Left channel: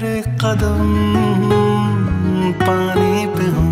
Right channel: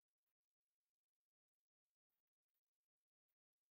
तेरे कदम पानी पे हूँ।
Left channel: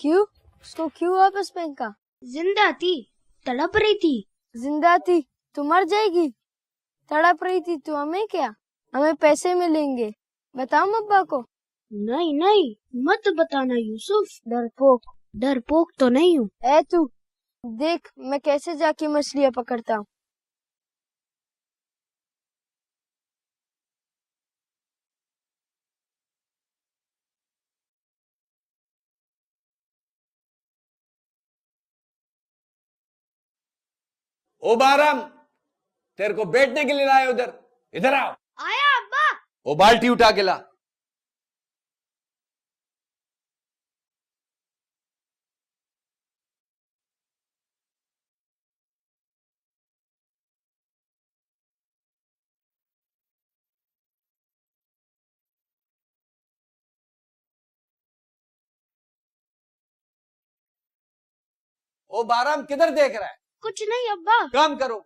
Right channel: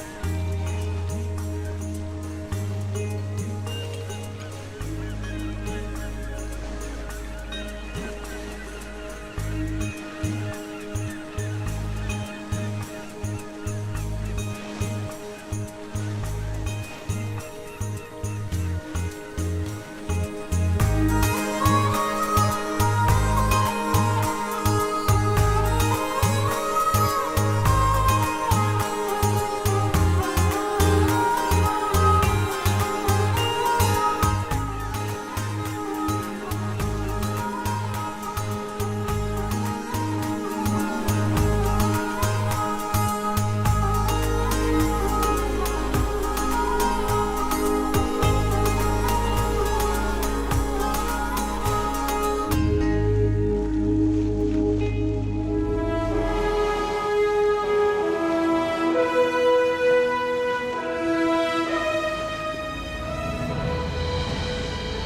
क्यों? उसको क्यों वापस पहन का? जिंदा थी, तड़प रही थी। जिंदा थी तो मर जाएगी। तड़प रही थी तो हमें क्या? हमें पैसे मिलेंगे। बताओ अब्बा को। नहीं नहीं, मत बताना यूसुफ। डरपोक। डरपोक तो नहीं हूँ। ए तू देख मैं कैसे जाके मछलियाँ पकड़ता हूँ। ओ बारम, तेरे को बैठने के लिए लाए उधर। इधर आओ। आया अब्बा। वो बाल्टी उठा के ला। ओ बारम किधर देख रहा है? कुछ नहीं अब्बा। काम करो।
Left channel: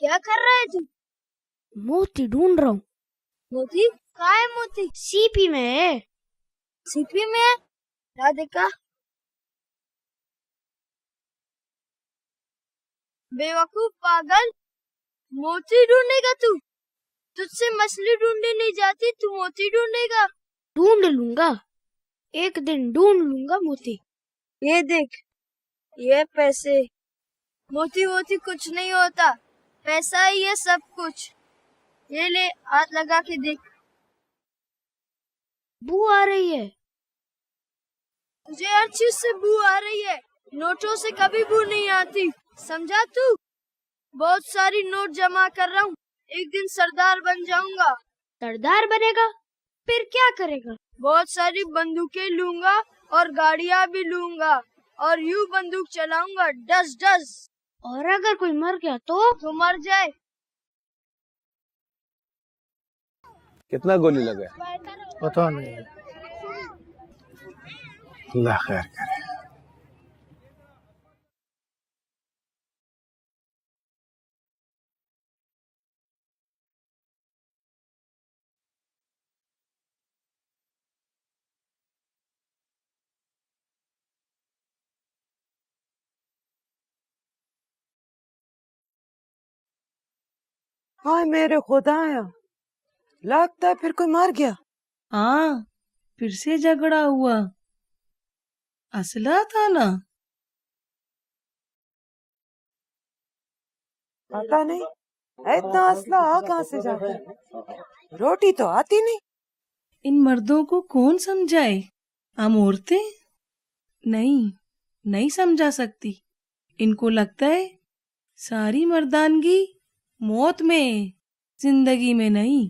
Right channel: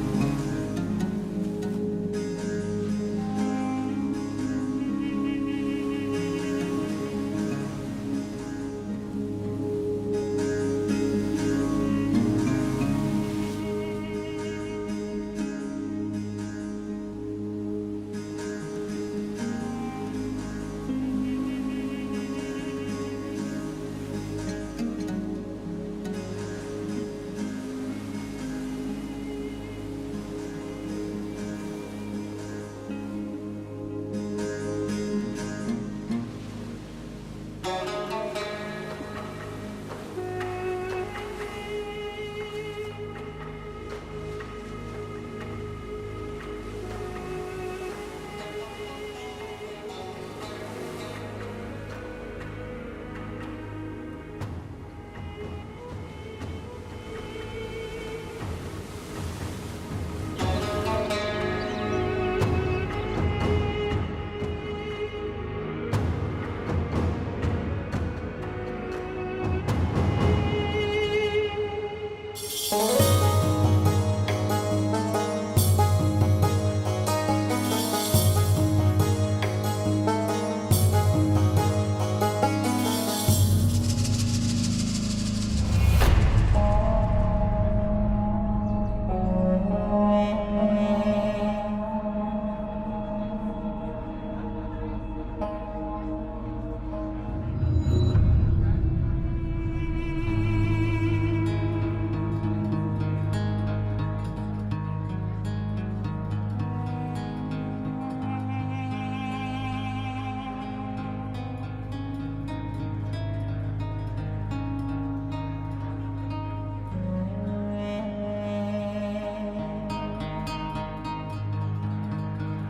क्या कर रहे थे? मोती ढूंढ रहा हूँ। मोती? कहाँ है मोती? सीपी में है। सीपी में है? क्या देखा? बेवकूफ पागल, मोती ढूंढेगा तू? तुझसे मछली ढूंढने नहीं जाती, तू मोती ढूंढेगा? ढूंढ लूंगा, एक दिन ढूंढ लूंगा मोती। ये देख, ये पैसे। मोती वोती कुछ नहीं होता, पैसा ही है सब कुछ। ये ले, हाथ लगा के देख। बू आ रही है। मुझे हर चीज से बू आ रही है, नोटों से कभी बू नहीं आती, समझा तू? बहुत सारी नोट जमा कर रहा हूँ, एक दिन सरदार बन जाऊंगा। सरदार बनेगा? फिर क्या करेगा? बहुत सारी बंदूकें लूंगा और गाड़ियाँ भी लूंगा और यूं बंदूक चलाऊंगा, डस डस। और अगर कोई मर गया तो मर जाए। कितना गोली लगा? पता नहीं। अल्लाह खैर करे। हाय मेरे खुदाया, लगता है फिर कोई मर गया। हाँ, फिर से झगड़ा हुआ। असला था ना? पता नहीं इतना असला आ कहाँ से जा गया। रोटी तो आती नहीं। इन मर्दों को कौन समझाए? हम औरतें नहीं समझा सकती। इनको लगता है सारी मर्दानगी मौत में, जिंदगी में नहीं।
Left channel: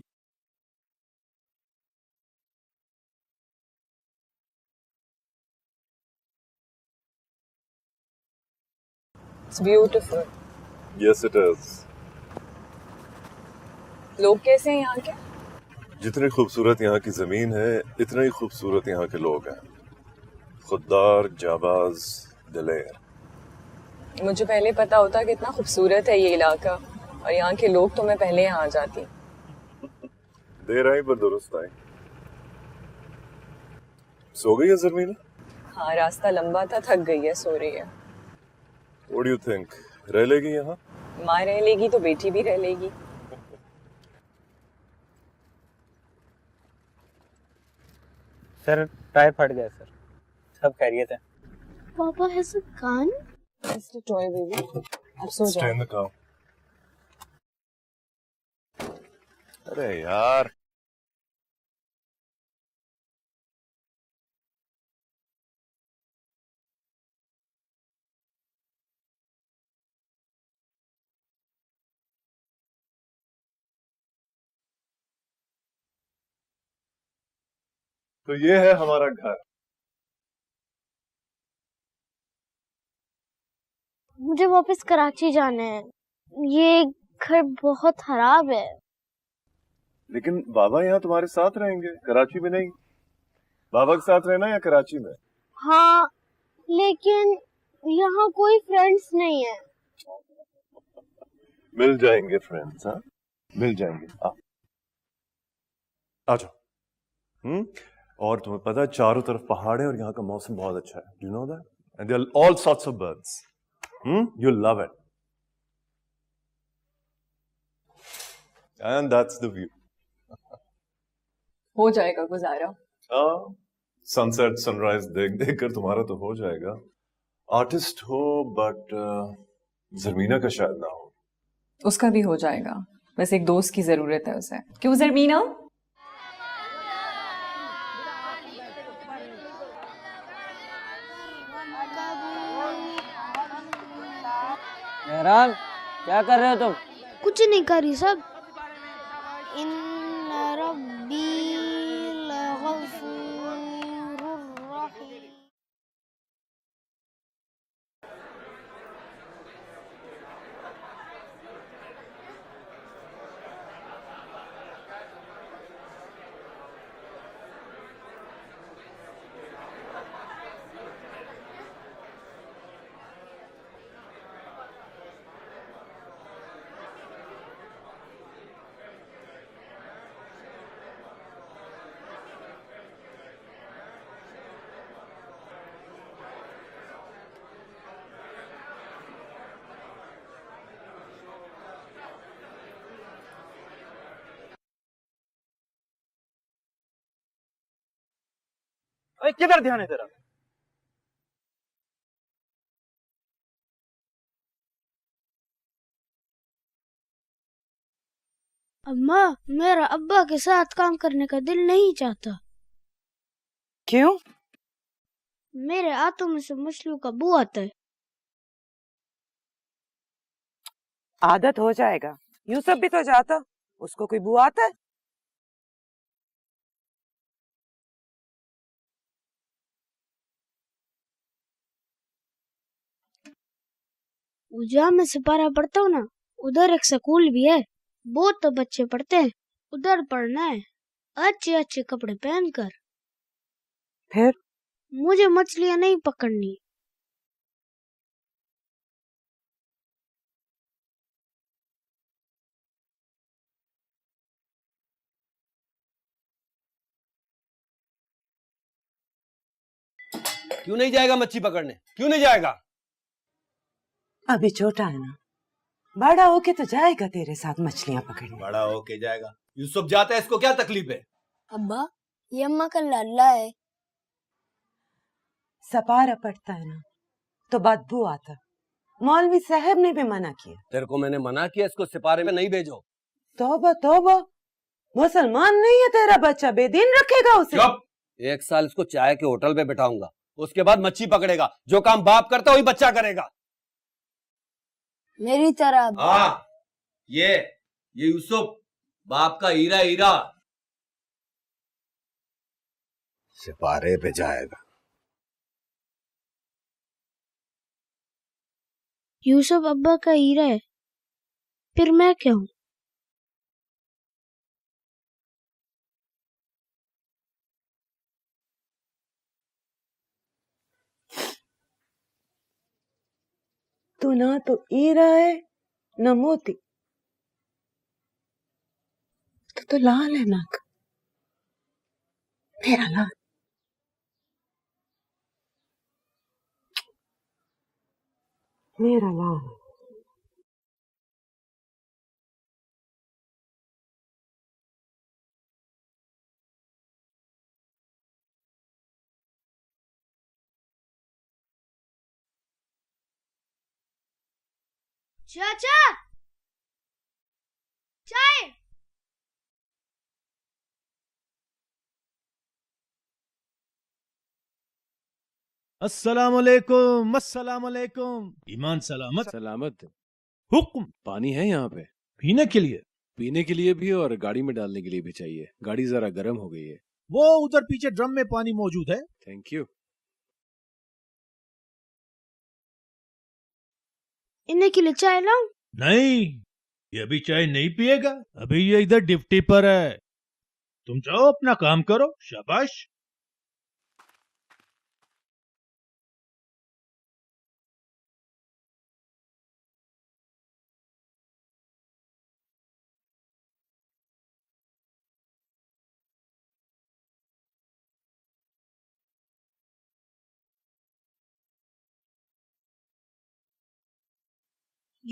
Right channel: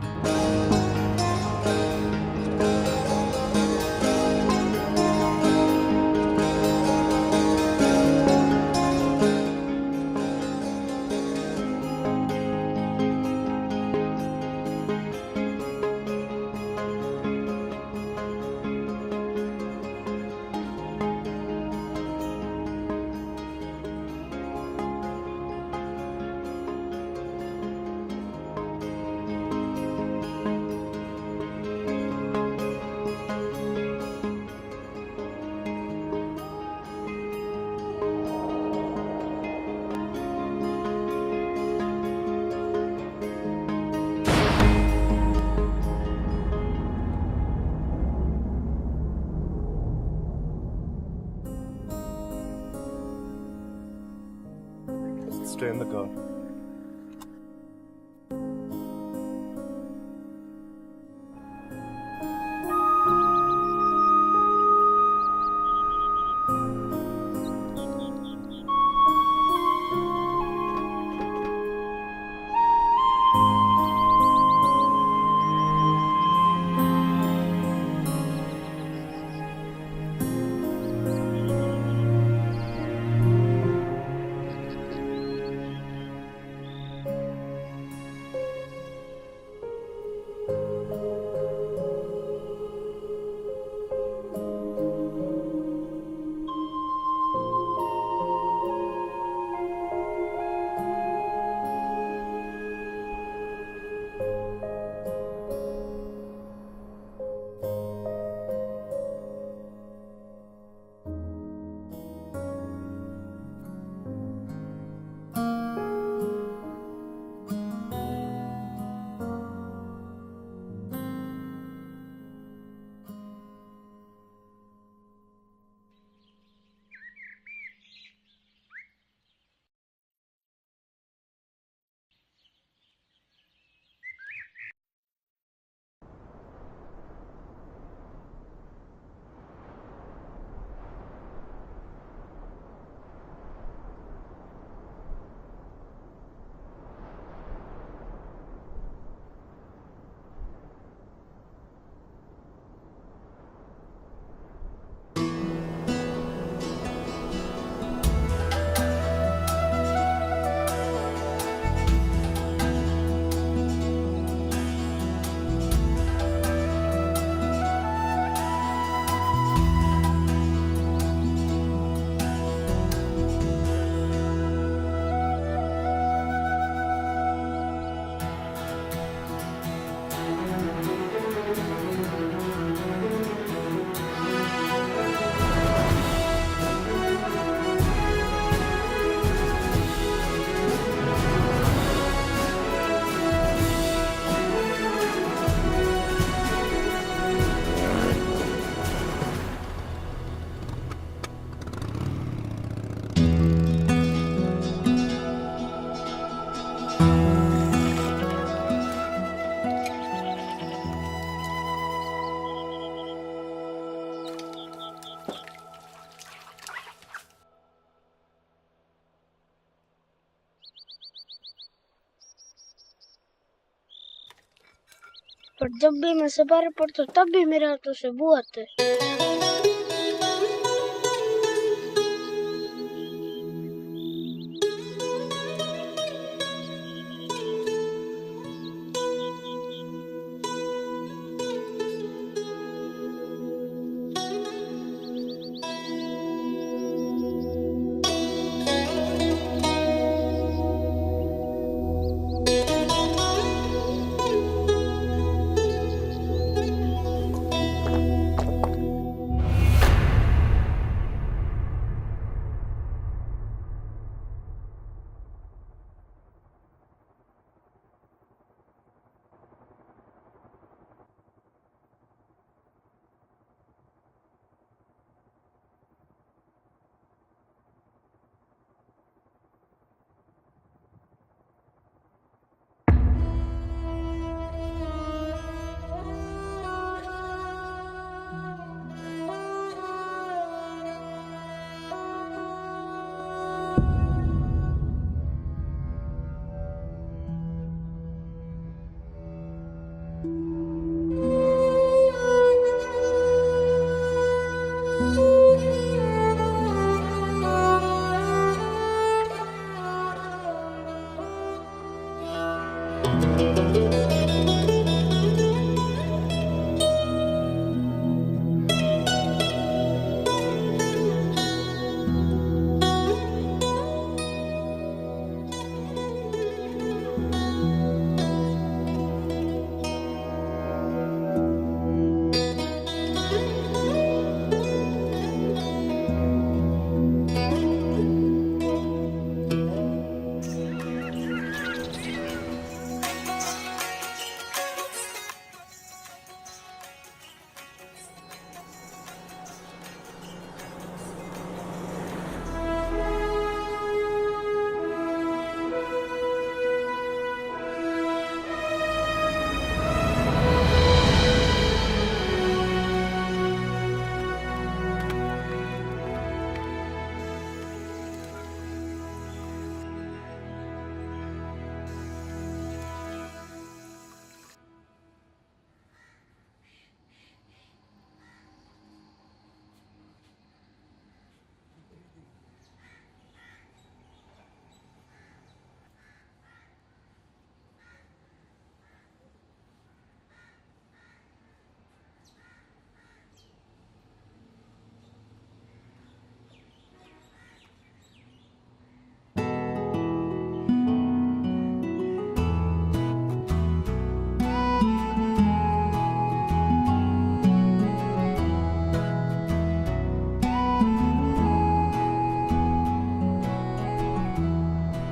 It's beautiful. Yes, it is. लोग कैसे हैं यहाँ के? जितनी खूबसूरत यहाँ की जमीन है, इतने ही खूबसूरत यहाँ के लोग हैं। खुददार, जाबाज, दिलेर। मुझे पहले पता होता कि इतना खूबसूरत है ये इलाका और यहाँ के लोग, तो मैं पहले यहाँ आ जाती। देर आई पर दुरुस्त आई। सो गई है ज़मीन? हाँ, रास्ता लंबा था, थक गई है, सो रही है। What do you think? रह लेगी यहाँ? माँ रह लेगी तो बेटी भी रह लेगी। सर टायर फट गया सर, सब खैरियत है। पापा has a gun? It's a toy baby. अब सो Stay जाओ। in the car. अरे यार तो ये है हमारा घर। मुझे वापस कराची जाना है। ये घर बहुत खराब है। लेकिन बाबा यहाँ तुम्हारे साथ रहेंगे, कराची में नहीं। बाबा के साथ रहना या कराची में? हाँ, लेकिन यहाँ कोई फ्रेंड्स नहीं है। मिल जाएंगे फ्रेंड्स, हाँ मिल जाएंगे। आ जाओ। और तुम्हें पता है चारों तरफ पहाड़ है और यहाँ का मौसम बहुत अच्छा है। Do you know that? And there are all sorts of birds. You'll love it. And that's the view. हो जाएगा गुजारा। हाँ, सनसेट सनराइज देख देख कर तुम्हारा तो हो जाएगा। आर्टिस्ट हो बट जरमीना का शायद ना हो। उसका भी हो जाएगा, बस एक दोस्त की जरूरत है उसे। क्यों जरमीना? मेहरान, क्या कर रहे हो तुम? कुछ नहीं करी सब। इन्ना रब्बी लगफूरुर रहीम। किधर ध्यान है तेरा? अम्मा, मेरा अब्बा के साथ काम करने का दिल नहीं चाहता। क्यों? मेरे हाथों में से मुश्किल का बू आता है। आदत हो जाएगा। यूसुफ भी तो जाता, उसको कोई बुआ आता है? पर जब भी मैं सवार पढ़ता तब भी मेरे हाथों से बू आता है। जहाँ मैं सिपारा पढ़ता हूँ ना, उधर एक स्कूल भी है। बहुत तो बच्चे पढ़ते हैं, उधर पढ़ना है अच्छे अच्छे कपड़े पहनकर। फिर मुझे मछलियाँ नहीं पकड़नी। क्यों नहीं जाएगा मच्छी पकड़ने? क्यों नहीं जाएगा? अभी छोटा है ना, बड़ा होके तो जाएगा तेरे साथ मछलियाँ पकड़ने। बड़ा होके जाएगा। यूसुफ जाता है, इसको क्या तकलीफ है? अब्बा, ये अम्मा का लाला है। सपारा पड़ता है ना तो बदबू आता। मौलवी साहब ने भी मना किया। तेरे को मैंने मना किया इसको सिपारे में नहीं भेजो। तौबा तौबा, मुसलमान नहीं है तेरा बच्चा, बेदीन रखेगा उसे। चुप! 1 साल इसको चाय के होटल में बिठाऊंगा, उसके बाद मच्छी पकड़ेगा। जो काम बाप करता वही बच्चा करेगा। मेरी तरह। हाँ, ये यूसुफ बाप का हीरा हीरा सिपारे पे जाएगा। यूसुफ अब्बा का हीरा है, फिर मैं क्यों? तू ना तो हीरा है न मोती, तो लाल है नाक, मेरा लाल। मेरा लाल। अस्सलाम वालेकुम, अस्सलाम वालेकुम। ईमान सलामत? सलामत। हुक्म। पानी है यहाँ पे? पीने के लिए? पीने के लिए भी और गाड़ी में डालने के लिए भी चाहिए। गाड़ी जरा गर्म हो गई है। वो उधर पीछे ड्रम में पानी मौजूद है। Thank you. इन्हें के लिए चाय लाऊं? नहीं, ये अभी चाय नहीं पिएगा। अभी ये इधर ड्यूटी पर है। तुम जाओ अपना काम करो। शाबाश।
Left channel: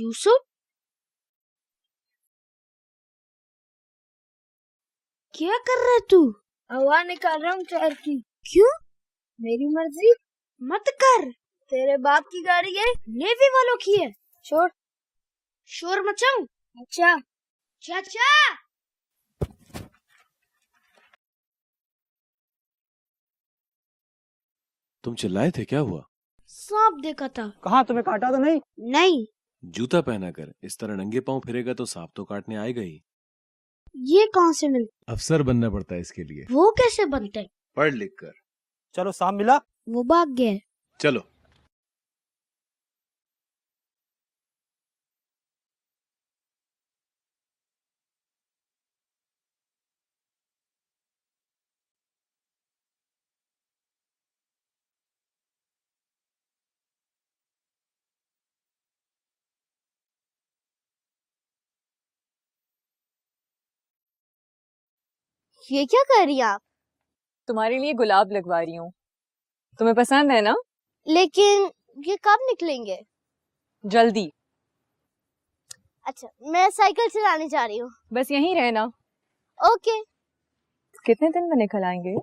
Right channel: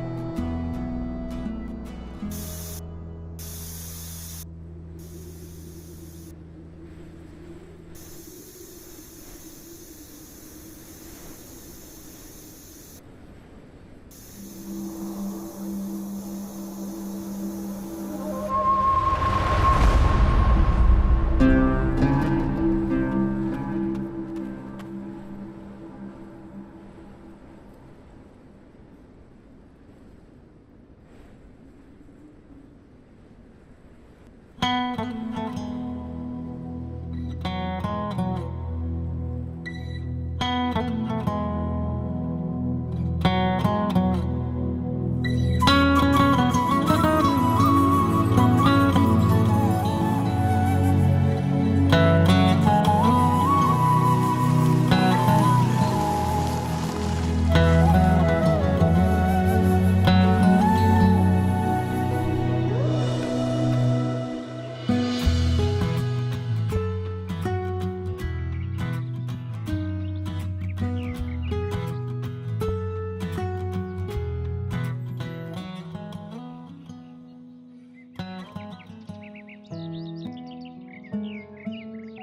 यूसुफ, क्या कर रहा है तू? हवा निकाल रहा हूँ टायर की। क्यों? मेरी मर्जी। मत कर। तेरे बाप की गाड़ी है, नेवी वालों की है। छोड़। शोर मचाऊं? अच्छा। चाचा, तुम चिल्लाए थे, क्या हुआ? सांप देखा था। कहाँ, तुम्हें काटा तो नहीं? नहीं। जूता पहना कर इस तरह नंगे पांव फिरेगा तो सांप तो काटने आएगा ही। ये कहाँ से मिला? अफसर बनना पड़ता है इसके लिए। वो कैसे बनते हैं? पढ़ लिख कर। चलो, सांप मिला? वो भाग गया। चलो। ये क्या कर रही हैं आप? तुम्हारे लिए गुलाब लगवा रही हूँ। तुम्हें पसंद है ना? लेकिन ये कब निकलेंगे? जल्दी। अच्छा, मैं साइकिल चलाने जा रही हूँ। बस यहीं रहना। ओके। कितने दिन में निकल आएंगे?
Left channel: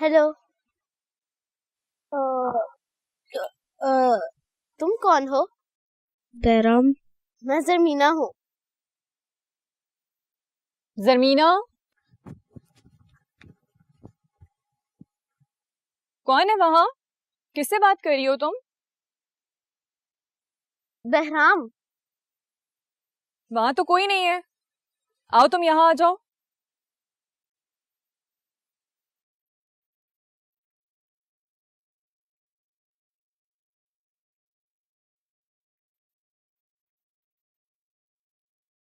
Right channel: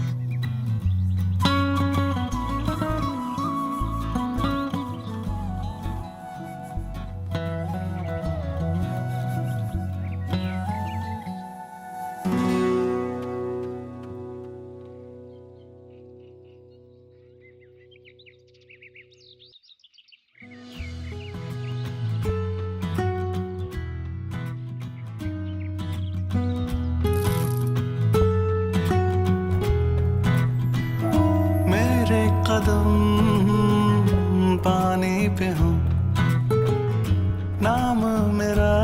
हेलो। तुम कौन हो? बैराम। मैं जरमीना हूँ। जरमीना? कौन है वहाँ? किससे बात कर रही हो तुम? बहराम। वहाँ तो कोई नहीं है। आओ तुम यहाँ आ जाओ। मेरे कदम पानी पे हो, नाम मेरा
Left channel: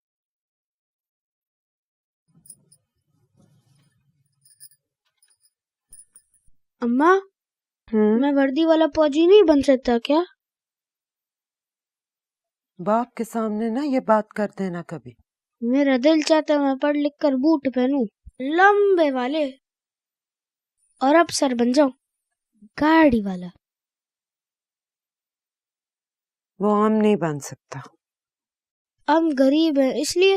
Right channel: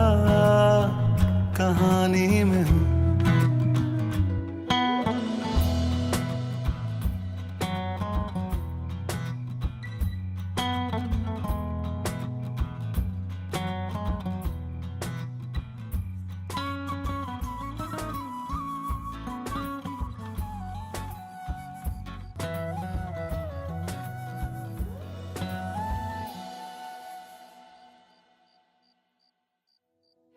कहानी में हो। अम्मा, मैं वर्दी वाला फौजी नहीं बन सकता क्या? बाप के सामने ना ये बात कर देना कभी। मेरा दिल चाहता है मैं पढ़ लिख कर बूट पहनूं, लंबे वाले, और अफसर बन जाऊं, गाड़ी वाला। वो हम नहीं बन सकता। हम गरीब हैं इसलिए।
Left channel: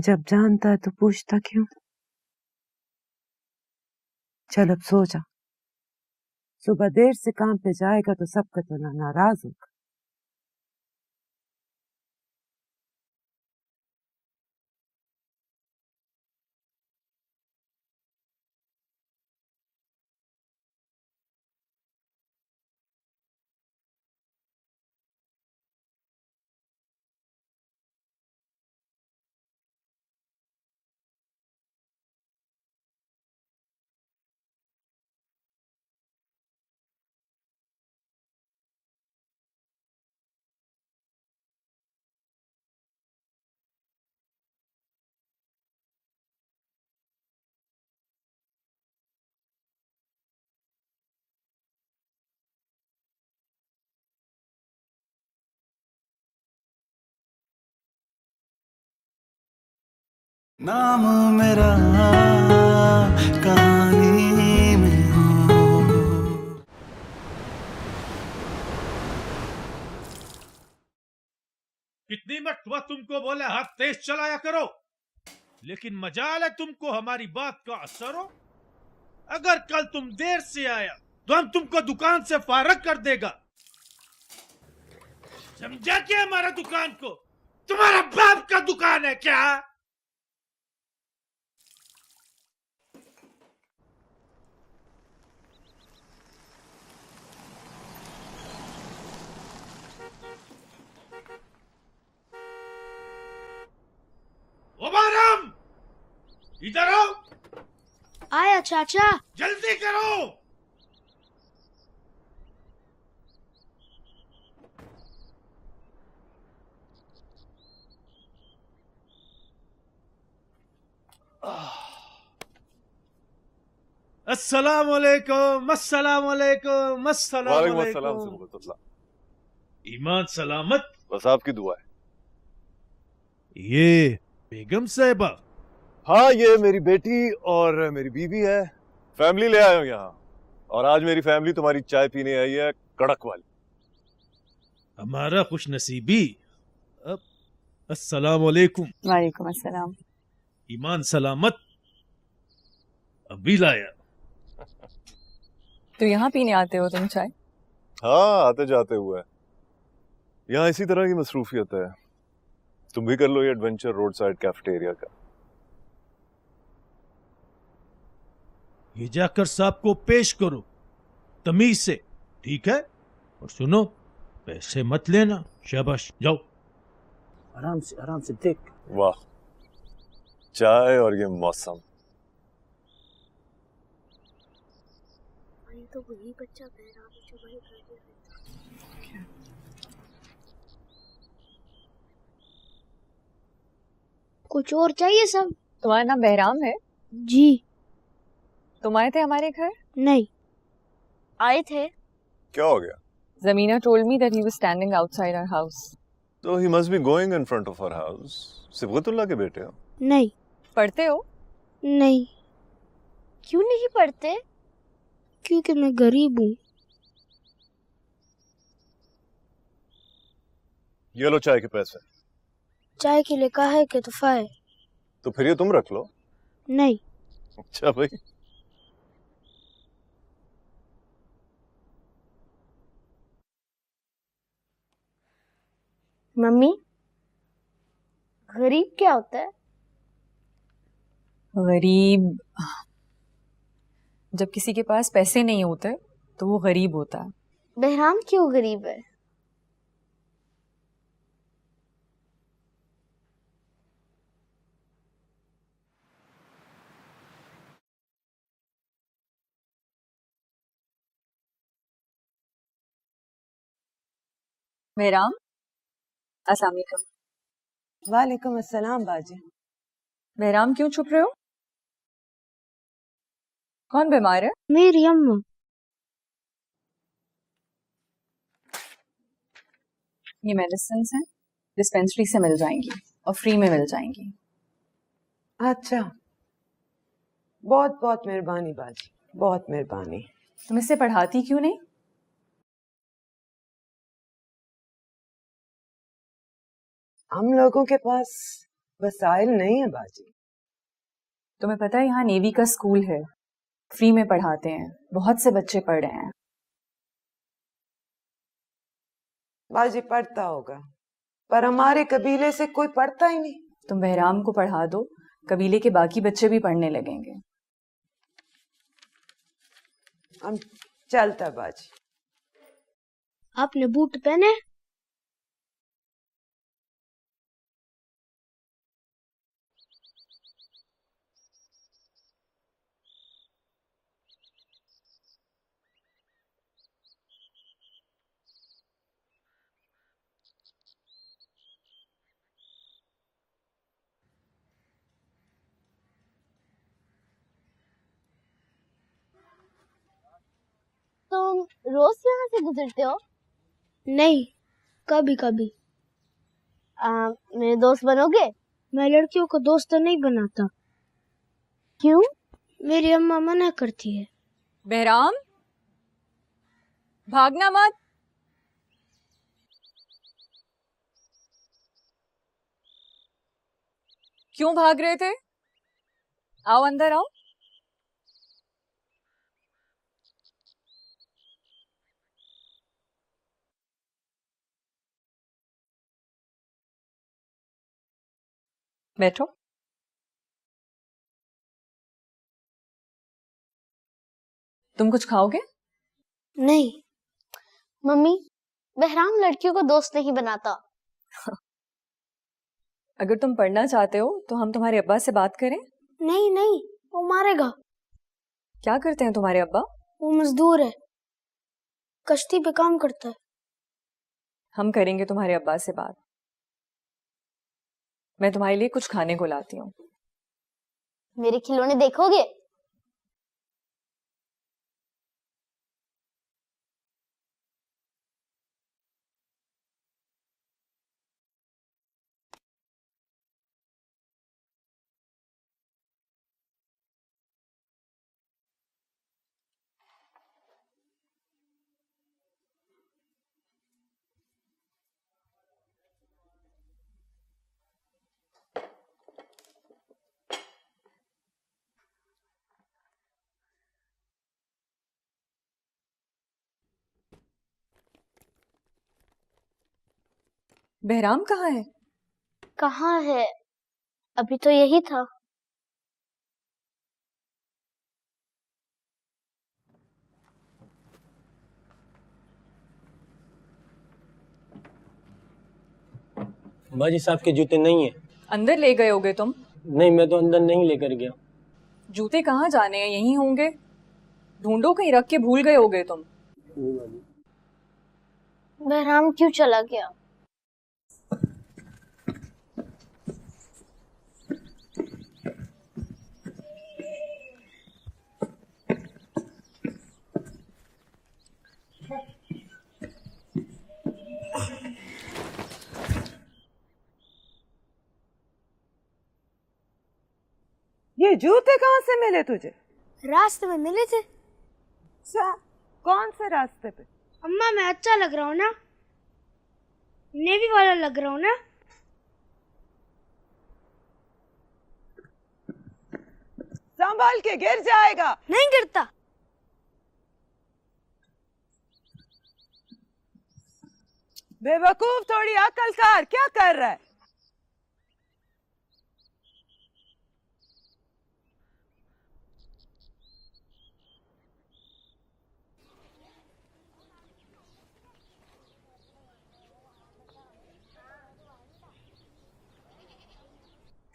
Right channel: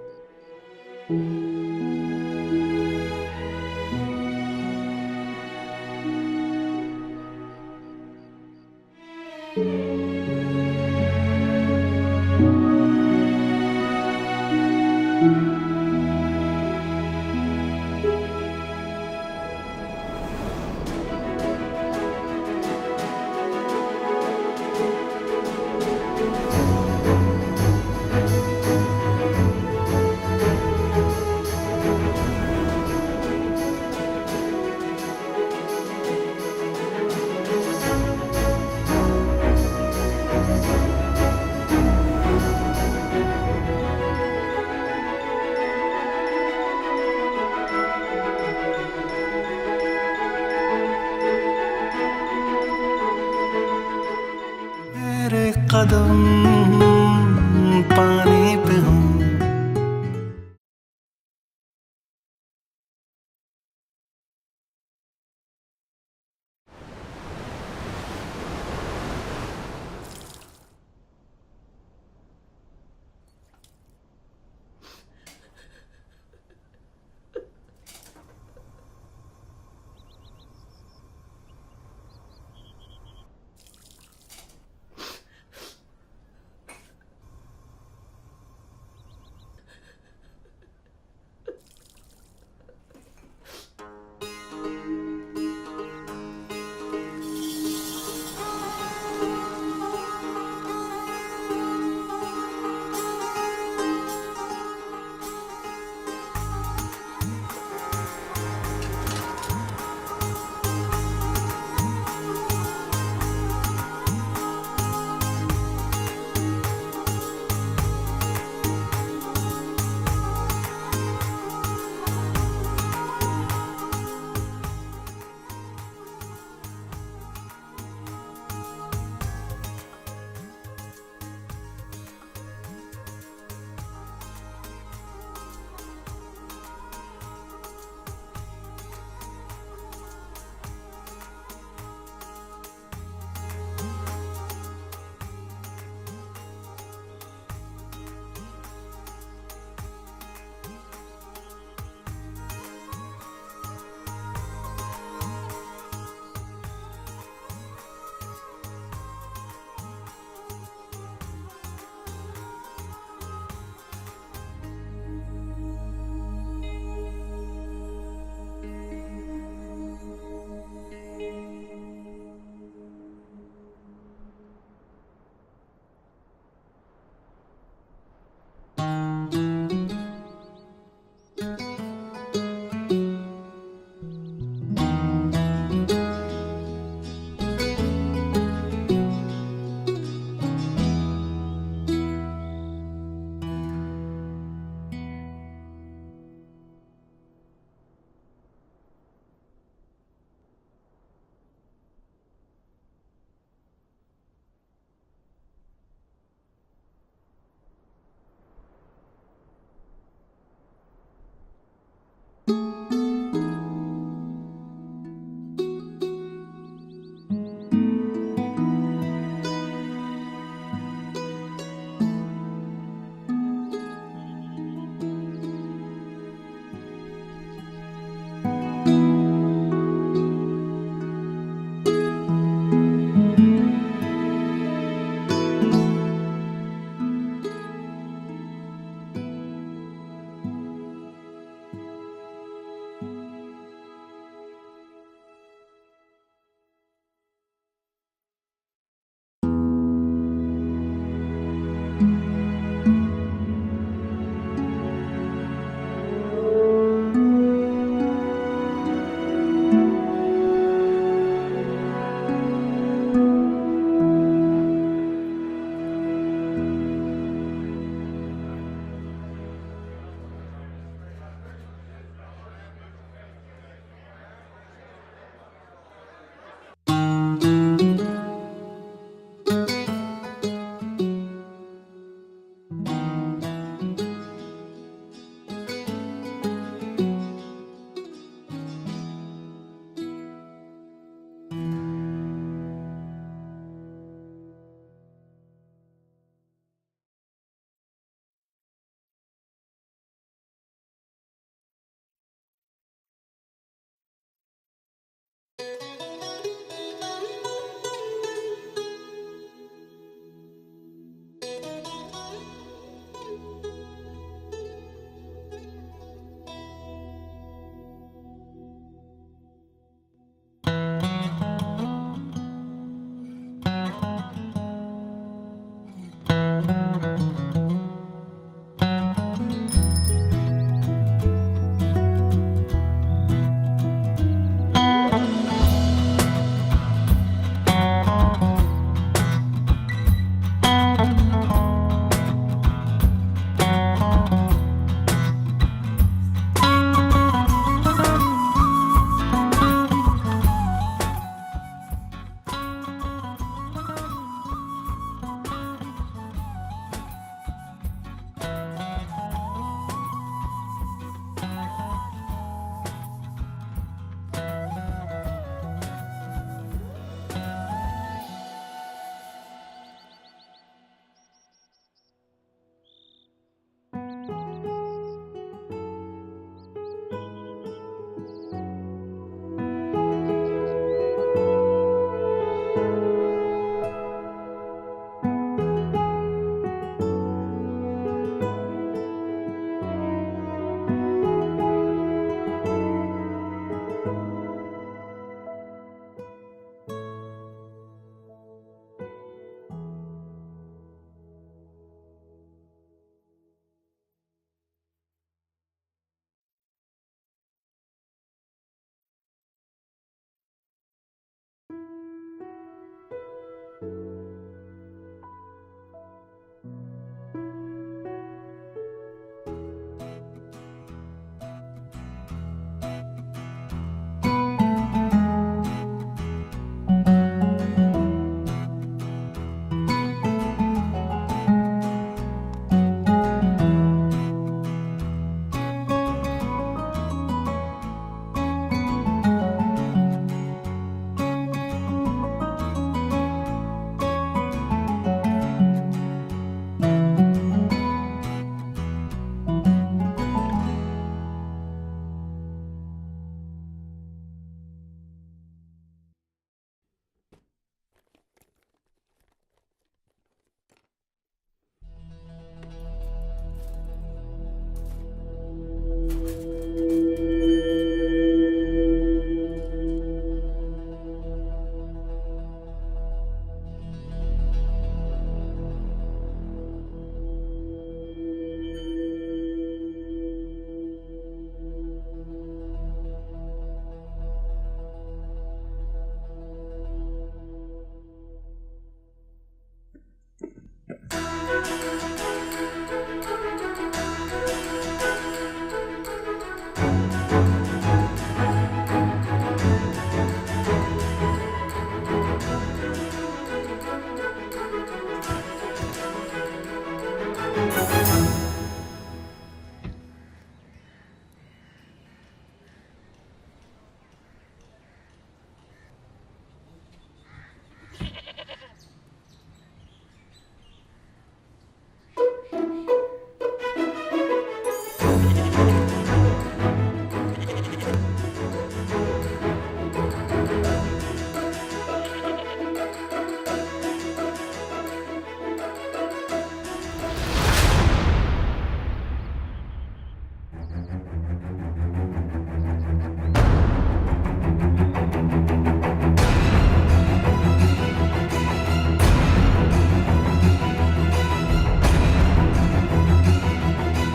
जब जानता है तो पूछता क्यों? चल अब सो जा। सुबह देर से काम पे जाएगा तो सबका तो नाराज है। कदम पानी पे हूँ, नाम मेरा कहानी में हो। कितनी मरतबा तुमको बोले हाथ तेज चलाया करो, लेकिन मजाल है तुमको हमारी बात का असर हो। अगर कल तुम देर से आया तो हम तुमको दुकान से फारग कर देगा। समझा क्या हमारा दुकान को? तुम्हारा बाप का दुकान है क्या? मुबारक, इधर आओ। आया चाचा। जल्दी करो। अस्सलाम वालेकुम, अस्सलाम वालेकुम, अस्सलाम वालेकुम वालेकुम। अस्सलाम। ईमान सलामत। बस आपकी दुआ है। ये बेगम साहिबा। हाँ, ये मेरी बेटी और मेरी बीवी है। फैमिली ले आए हो यहाँ, और आज मेरी फैमिली तुम्हारी चाय पीने आई है, कड़क वाली। हमारा खुश नसीबी। अस्सलाम वालेकुम। वालेकुम अस्सलाम। ईमान सलामत। अभी लाया। तो यहाँ पीने आते हो तुम चाय? हाँ, आते जाते हुए। यहाँ इसी तरह की मसरूफियत है। तुम भी कर लो ये एडवेंचर रोड साइड कैफेटेरिया का। ये जाकर साहब को पेश करो तमीज से, ठीक है? और सुनो, पैसे मत लेना। शाबाश, जाओ। आराम से देख। वाह, चाय और ये मौसम। कुछ और चाहिए सब? तुम्हारा नाम बहराम है? जी। तुम आए थे हमारे घर? नहीं। आए थे। क्या हो गया? Zamina told me that he was standing outside our house. So he must be going in front of our house. Sibgatullah के बेटे हो? नहीं। पढ़ते हो? नहीं। क्यों नहीं पढ़ते? क्योंकि मैं गरीब हूँ। ये लो चाय के पैसे। चाय के लिए कहा है कि तोहफा है। तो फिर ये तुम रख लो। नहीं। अच्छा भाई। मम्मी, गरीब क्या होता है? गरीब जब किसी के पास पैसे नहीं होते तो वो गरीब होता है। बहराम क्यों गरीब है? बहराम, अस्सलाम वालेकुम। वालेकुम अस्सलाम बाजी। बहराम, क्यों छुप रहे हो? कौन बीमार है? मेरी अम्मा। ये मेडिसिन हैं, डिस्पेंसरी से मिल जाएंगी और फ्री में मिल जाएंगी। अच्छा, बहुत बहुत मेहरबानी बाजी, बहुत मेहरबानी। तुम इससे पढ़ाती क्यों नहीं? हम लोगों के पास वसाइल नहीं है बाजी। तुम्हें पता है यहाँ नेवी का स्कूल है, फ्री में पढ़ाते हैं, बहुत से बच्चे पढ़ रहे हैं। बाजी पढ़ता होगा, पर हमारे कबीले से कोई पढ़ता ही नहीं। तुम बहराम को पढ़ा दो, कबीले के बाकी बच्चे भी पढ़ने लगेंगे। हम चलता बाजी। आपने बूट पहने? रोज यहाँ से गुजरते हो? नहीं, कभी कभी। मेरे दोस्त बनोगे? मैं लड़कियों को दोस्त तो नहीं बनाता। क्यों? मेरी अम्मा मना करती है। बहराम, भागना मत। क्यों भाग रहे थे? आओ अंदर आओ। बैठो। तुम कुछ खाओगे? नहीं मम्मी, बहराम लड़कियों को दोस्त नहीं बनाता। अगर तुम पढ़ना चाहते हो तो हम तुम्हारे अब्बा से बात करें। नहीं नहीं, वो मारेगा। क्या करते हैं तुम्हारे अब्बा? वो मजदूर है, कश्ती पे काम करता है। हम करेंगे तुम्हारे अब्बा से बात। मैं तुम्हारे लिए कुछ खाने को लाती हूँ। मेरे खिलौने देखोगे? बहराम कहाँ है? कहाँ है? अभी तो यही था। बाजी साहब के जूते नहीं है। अंदर ले गए होगे तुम? नहीं, मैं तो अंदर नहीं लेकर गया। जूते कहाँ जाने हैं? यहीं होंगे। ढूंढो, कहीं रख के भूल गए होगे तुम। बहराम क्यों चला गया? ये जूते कहाँ से मिले तुझे? रास्ते में मिले थे। कौन से रास्ते पे? अम्मा, मैं अच्छा लग रहा हूँ ना? नेवी वाला लग रहा हूँ ना? संभाल के, गिर जाएगा। नहीं गिरता। बेवकूफ, थोड़ी अकल कर। क्या कर रहा है?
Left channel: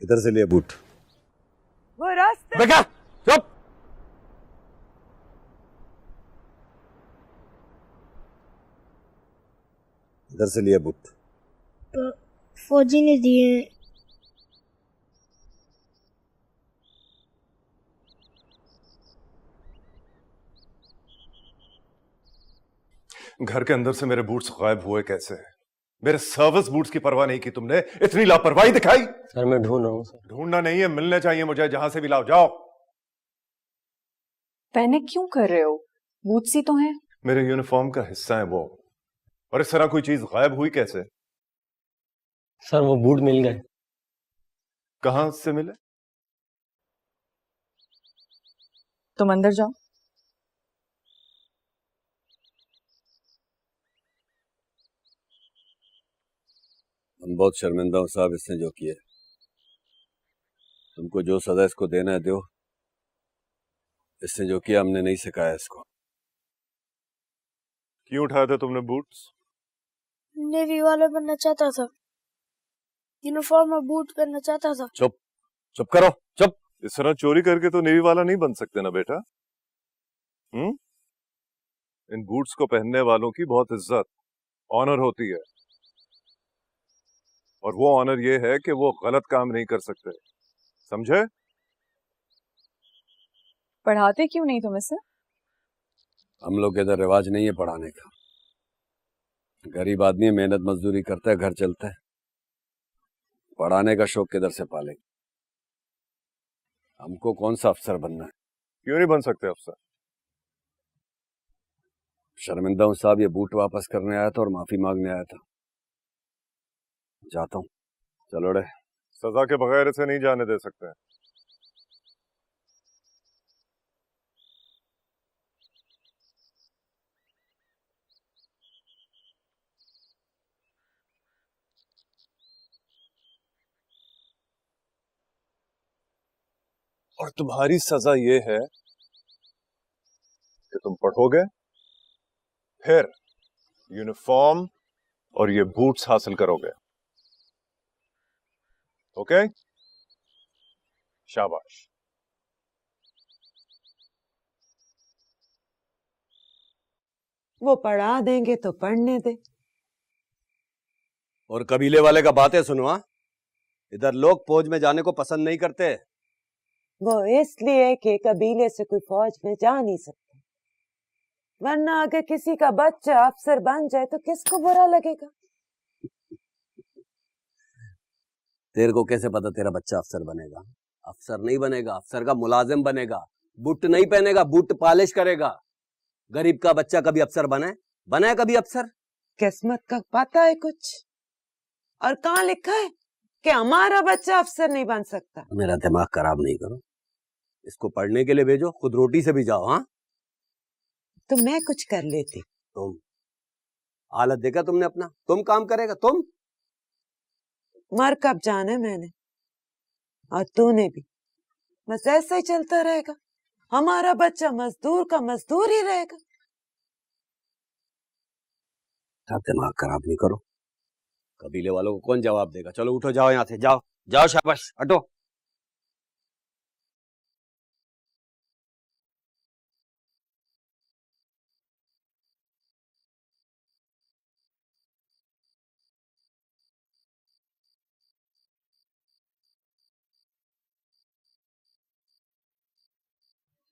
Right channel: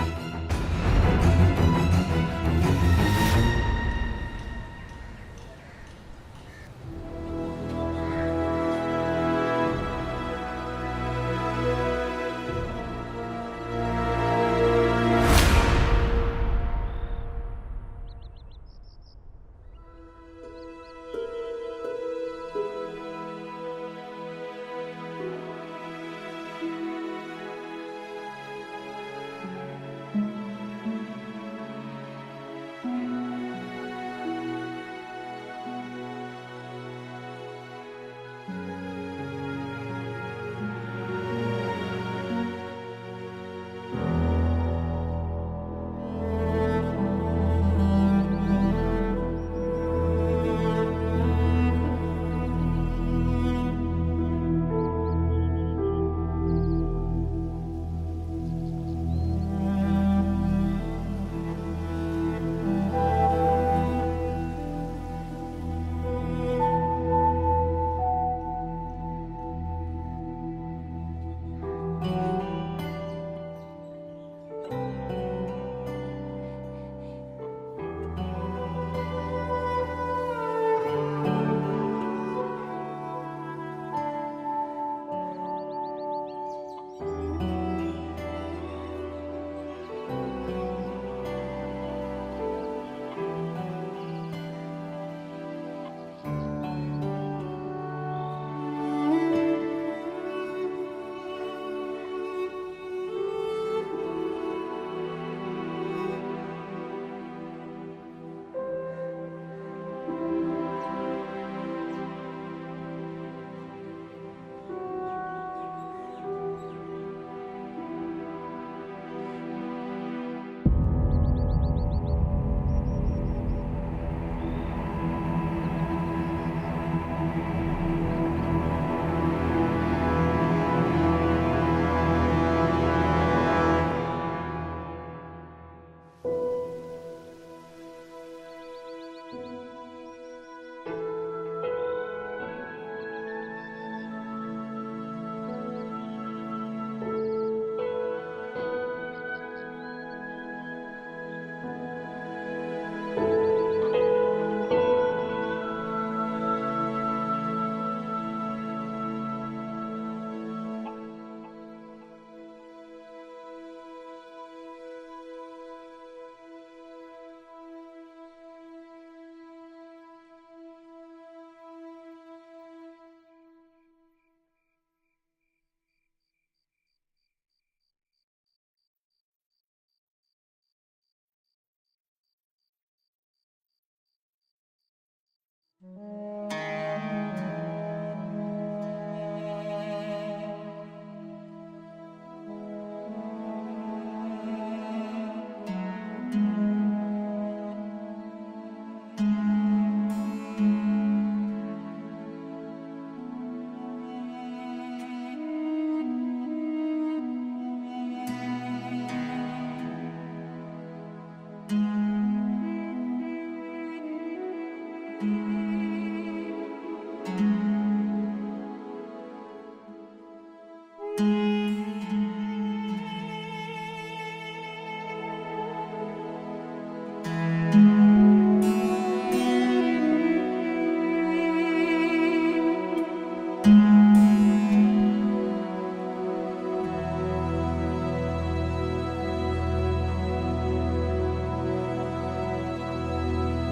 इधर से लिए बूट। वो रास्ते। बेटा चुप। इधर से लिए बूट। फौजी ने दिए। घर के अंदर से मेरे बूट्स गायब हुए कैसे? मेरे सर्विस बूट्स की परवाह नहीं की तुमने, इतनी लापरवाही दिखाई। सर मैं ढूंढ रहा हूँ। ढूंढना नहीं है, मिलने चाहिए मुझे। जहां से भी लाओ, जाओ। पैनिक क्यों कर रहे हो? बूट्स ही तो हैं। मेरे यूनिफॉर्म का हिस्सा है वो, और इस तरह कोई चीज गायब हुई कैसे? सर वो बूट मिल गए। कहां से मिले? तुम अंदर जाओ। बहुत शर्मिंदा हूँ साहब इसने जो किया। हमको जो सजा इसको देना है दो। इसने जो किया हमने नहीं सिखाया इसको। क्यों उठाया था तुमने बूट्स? नेवी वाला बनना चाहता था। यूनिफॉर्म और बूट पहनना चाहता था। चुप, चुप करो, चुप। इस तरह चोरी करके तो नेवी वाला नहीं बन सकते ना बेटा। इन बूट्स को पहनने वालों की बहुत इज्जत, ऑनर होती है, और वो ऑनर ये है कि वो गलत काम नहीं कर सकते, समझे? पढ़ाते क्यों नहीं तुम इसे? हम लोग के इधर रिवाज नहीं है पढ़ाने का। गरीब आदमी मेहनत मजदूरी करता है, घर चलता है। पढ़ाने का शौक किधर से पाले? हमको कौन सा अफसर बनना है? क्यों नहीं बन सकते अफसर? शर्मिंदा हूं साहब, ये बूट वापस करने आया था और माफी मांगने आया था। जाता हूँ। चलो रे, सजा के बगैर इसे नहीं जाने दे सकते। और तुम्हारी सजा ये है कि तुम पढ़ोगे, फिर यूनिफॉर्म और ये बूट्स हासिल करोगे। ओके? शाबाश। वो पढ़ा देंगे तो पढ़ने दे। और कबीले वाले का बातें सुनो। हाँ, इधर लोग फौज में जाने को पसंद नहीं करते। वो इसलिए कि कबीले से कोई फौज में जा नहीं सकता, वरना अगर किसी का बच्चा अफसर बन जाए तो किसको बुरा लगेगा? तेरे को कैसे पता तेरा बच्चा अफसर बनेगा? अफसर नहीं बनेगा, अफसर का मुलाजिम बनेगा। बूट नहीं पहनेगा, बूट पॉलिश करेगा। गरीब का बच्चा कभी अफसर बने कभी अफसर? किस्मत का पता है कुछ? और कहाँ लिखा है कि हमारा बच्चा अफसर नहीं बन सकता? मेरा दिमाग खराब नहीं करो। इसको पढ़ने के लिए भेजो, खुद रोटी से भी जाओ। हाँ, तो मैं कुछ कर लेती। तो हालत देखा तुमने अपना? तुम काम करेगा तुम? मर कब जाना मैंने और तूने भी। बस ऐसा ही चलता रहेगा। हमारा बच्चा मजदूर का मजदूर ही रहेगा। दिमाग खराब नहीं करो। कबीले वालों को कौन जवाब देगा? चलो उठो, जाओ यहाँ से, जाओ जाओ, शाबाश, हटो।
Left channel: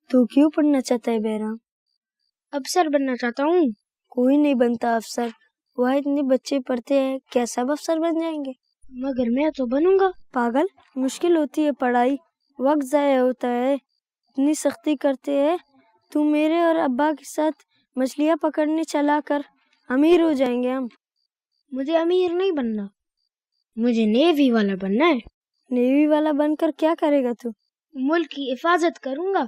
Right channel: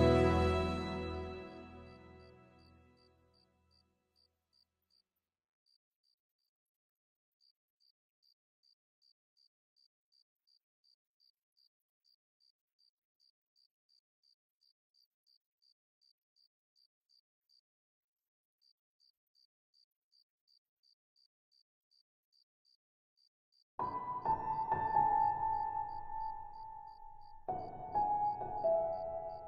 तू क्यों पढ़ना चाहता है बेराम? अफसर बनना चाहता हूँ। कोई नहीं बनता अफसर। वह इतने बच्चे पढ़ते हैं, क्या सब अफसर बन जाएंगे? मगर मैं तो बनूंगा। पागल, मुश्किल होती है पढ़ाई, वक्त जाया होता है, इतनी सख्ती करते हैं। तू मेरे और अब्बा के साथ मछलियाँ पकड़ने चला कर, अमीर हो जाएंगे हम। मुझे अमीर नहीं बनना, मुझे नेवी वाला बनना है। नेवी वाला बनकर क्या करेगा तू? मुल्क की हिफाजत करूंगा।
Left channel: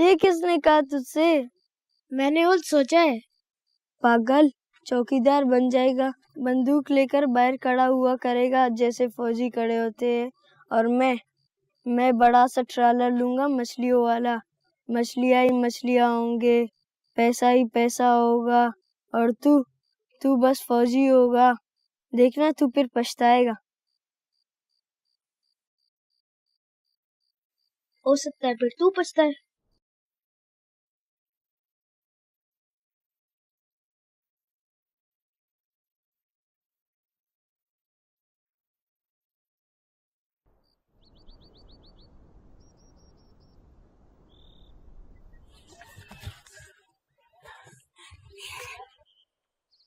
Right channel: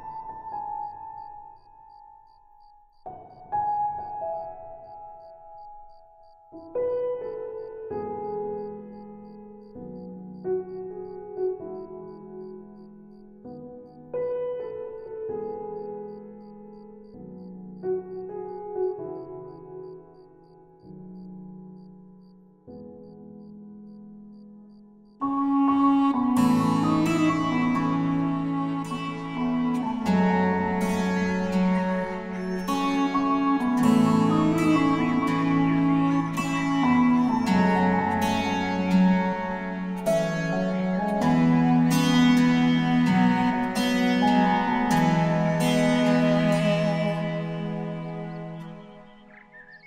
ये किसने कहा तुझसे? मैंने खुद सोचा है। पागल, चौकीदार बन जाएगा, बंदूक लेकर बाहर खड़ा हुआ करेगा जैसे फौजी खड़े होते हैं। और मैं बड़ा सा ट्रालर लूंगा मछलियों वाला। मछलियाँ ही मछलियाँ होंगे, पैसा ही पैसा होगा, और तू बस फौजी होगा। देखना तू फिर पछताएगा। हो सकता है फिर तू पछताए।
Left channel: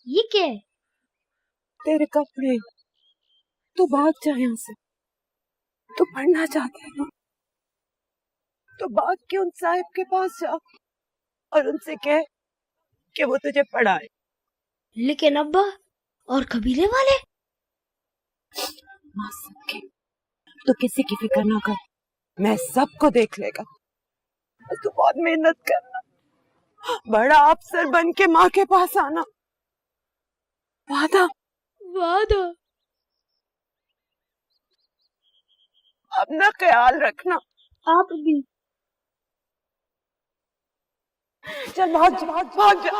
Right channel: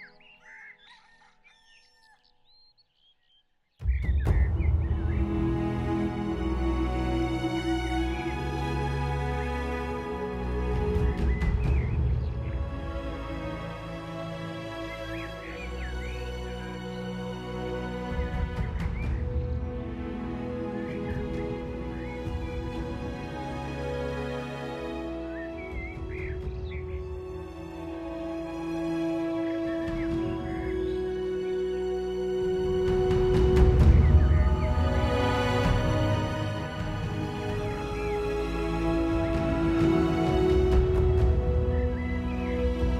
ये क्या है? तेरे कपड़े। तू भाग जा यहाँ से। तू पढ़ना चाहती है ना? तो भाग के उन साहब के पास जा और उनसे कह कि वो तुझे पढ़ाए। लेकिन अब्बा और कबीले वाले? तो किसी की फिक्र ना कर, मैं सबको देख लेगा। और तू बहुत मेहनत करना, बड़ा अफसर बन के माँ के पास आना। वादा? अपना ख्याल रखना। आप भी। चल भाग जा।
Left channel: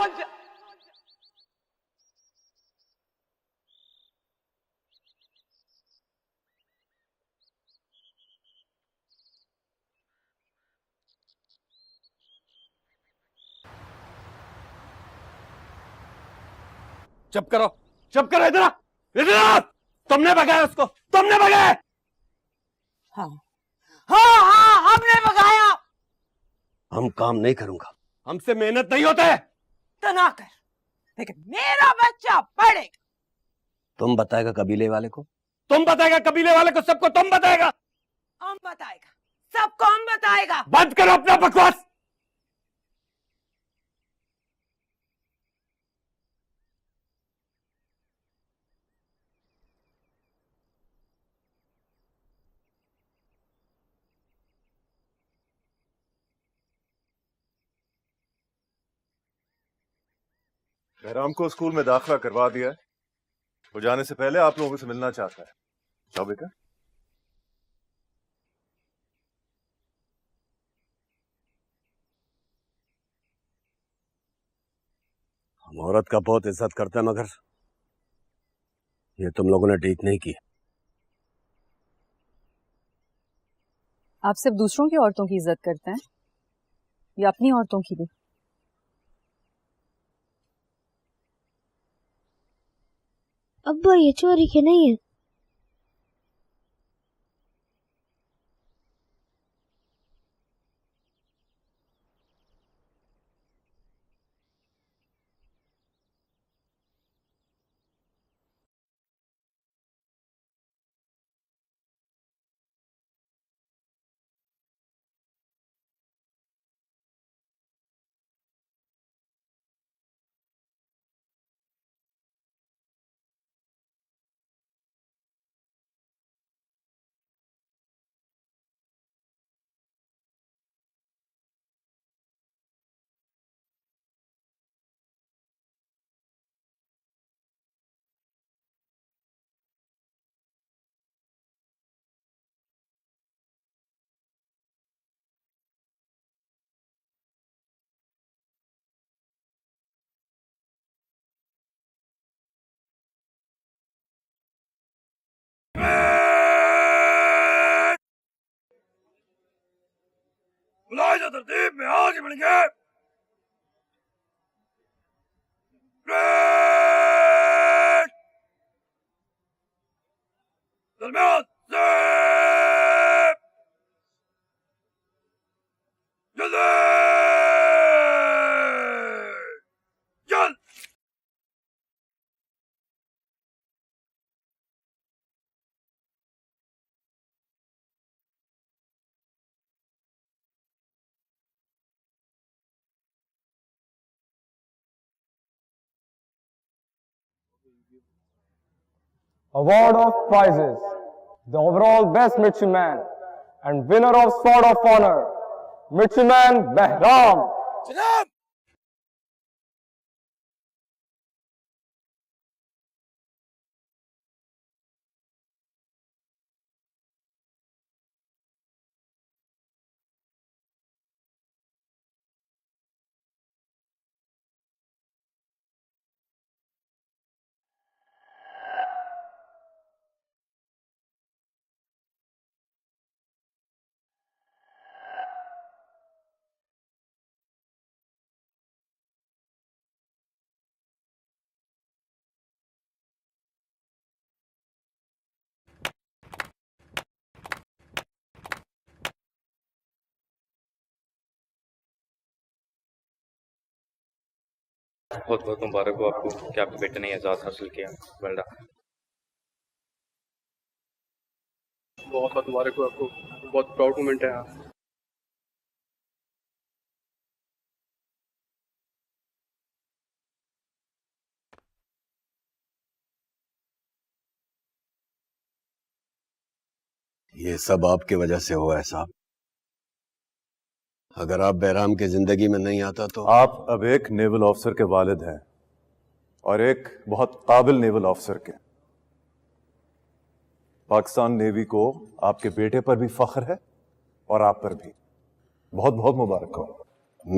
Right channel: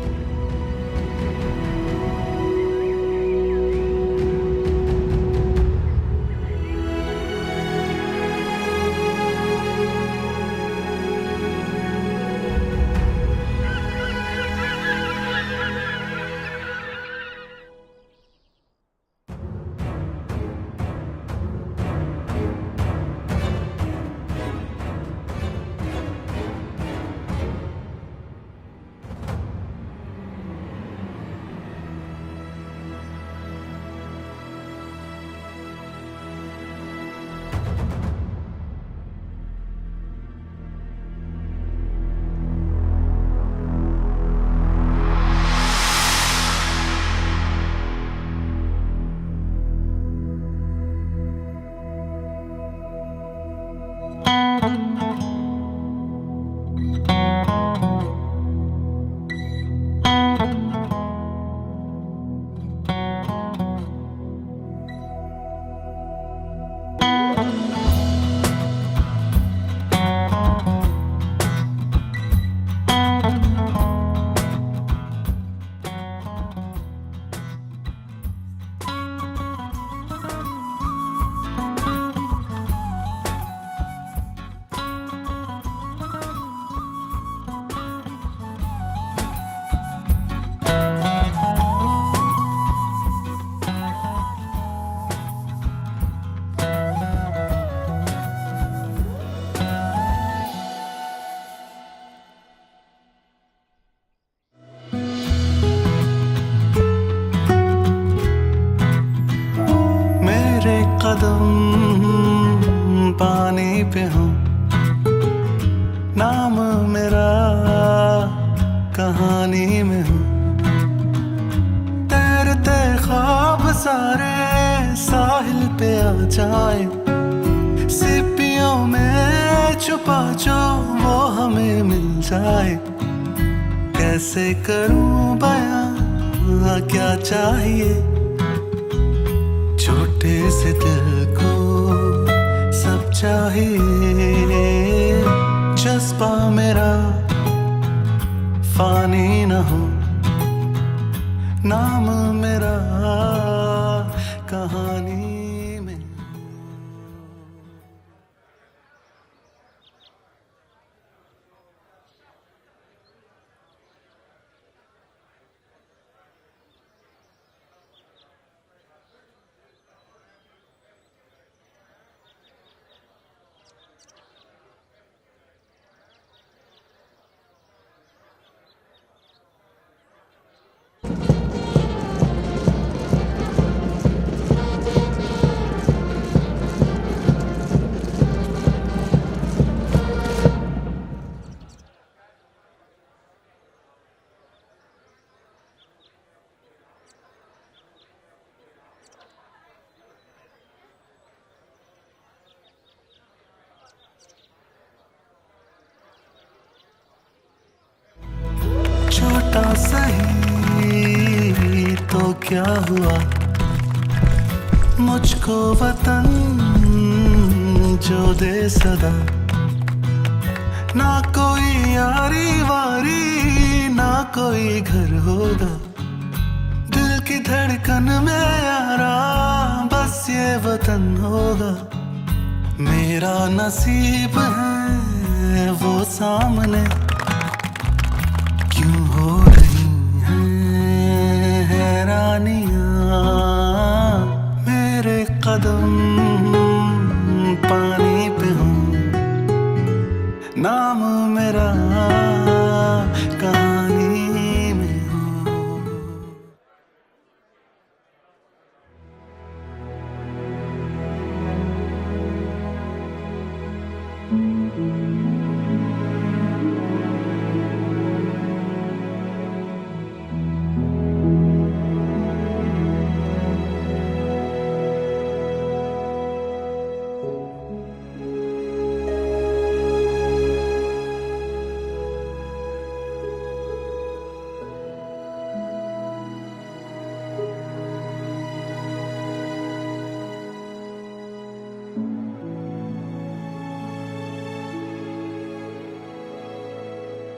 चुप करो, इधर आ। तुमने भगाया उसको, तुमने भगाया। हाँ, हमने भगाया। हम काम नहीं करूंगा, हमसे मेहनत नहीं होता है। तो ना कर, लेकिन मेरा बच्चा पढ़े। तुम बताएगा कबीले वाले को? तुम बताएगा कबीले वाले को, सबको तुम बताएगा? कौन बताएगा? सब कौन बताएगा? बंद करो अपना बकवास। राम को स्कूल में दाखिला करवा दिया है। वो जाने से पहले आप लोगों से मिलना चाहता है। जाओ बेटा। औरत का बहुत इज्जत करता है, मगर ये तुम लोगों ने ठीक नहीं की। आप सिर्फ दूसरों की औरतों की इज्जत करते हैं या अपनी औरतों की भी? अब्बा ये चोरी के नहीं है। मेरे कदम पानी पे हो, नाम मेरा कहानी में हो। तैरते ख्वाब सारे साहिल पे आ जाए, सीपियों में छुपा जो वो हमें मिल जाए। कैसे करूं बयां क्या चाहिए, छोटे से दिल को सब चाहिए। जज्बा मेरा फानी न हो, नाम मेरा कहानी। बुलाए जा तरतीब में, आगे बढ़ेंगे। दरमियान से जल्दी चल। Award of prizes. The overall best midshipman and winner of Sword of Honor, Midshipman Behram. छोटा सही तो क्या हुआ, मुझको वतन जो दे सदा। ना कोई यारी वारी, ना कोई घर होगा, दिल की धड़कन में यारा बस ये वतन होगा। मेरा नसीब है वो सामने, क्यों हो रही हैं हैरानियां। मेरे कदम पानी पे हो, नाम मेरा कहानी में। बहुत बहुत मुबारक हो आपको कि आपके बेटे ने एजाज़ हासिल किया। Well done. बहुत बहुत मुबारक हो आपको, बहुत प्राउड मोमेंट है। ये सब आपकी वजह से हुआ है साहब। अगर आप बहराम की जिंदगी में नहीं आता तो। आप अब एक नेवल ऑफिसर के वालिद हैं और एक बहुत काबिल नेवल ऑफिसर के। पाकिस्तान नेवी को आपके बेटे पर भी फख्र है और आप पर भी। बहुत बहुत मुबारक हो।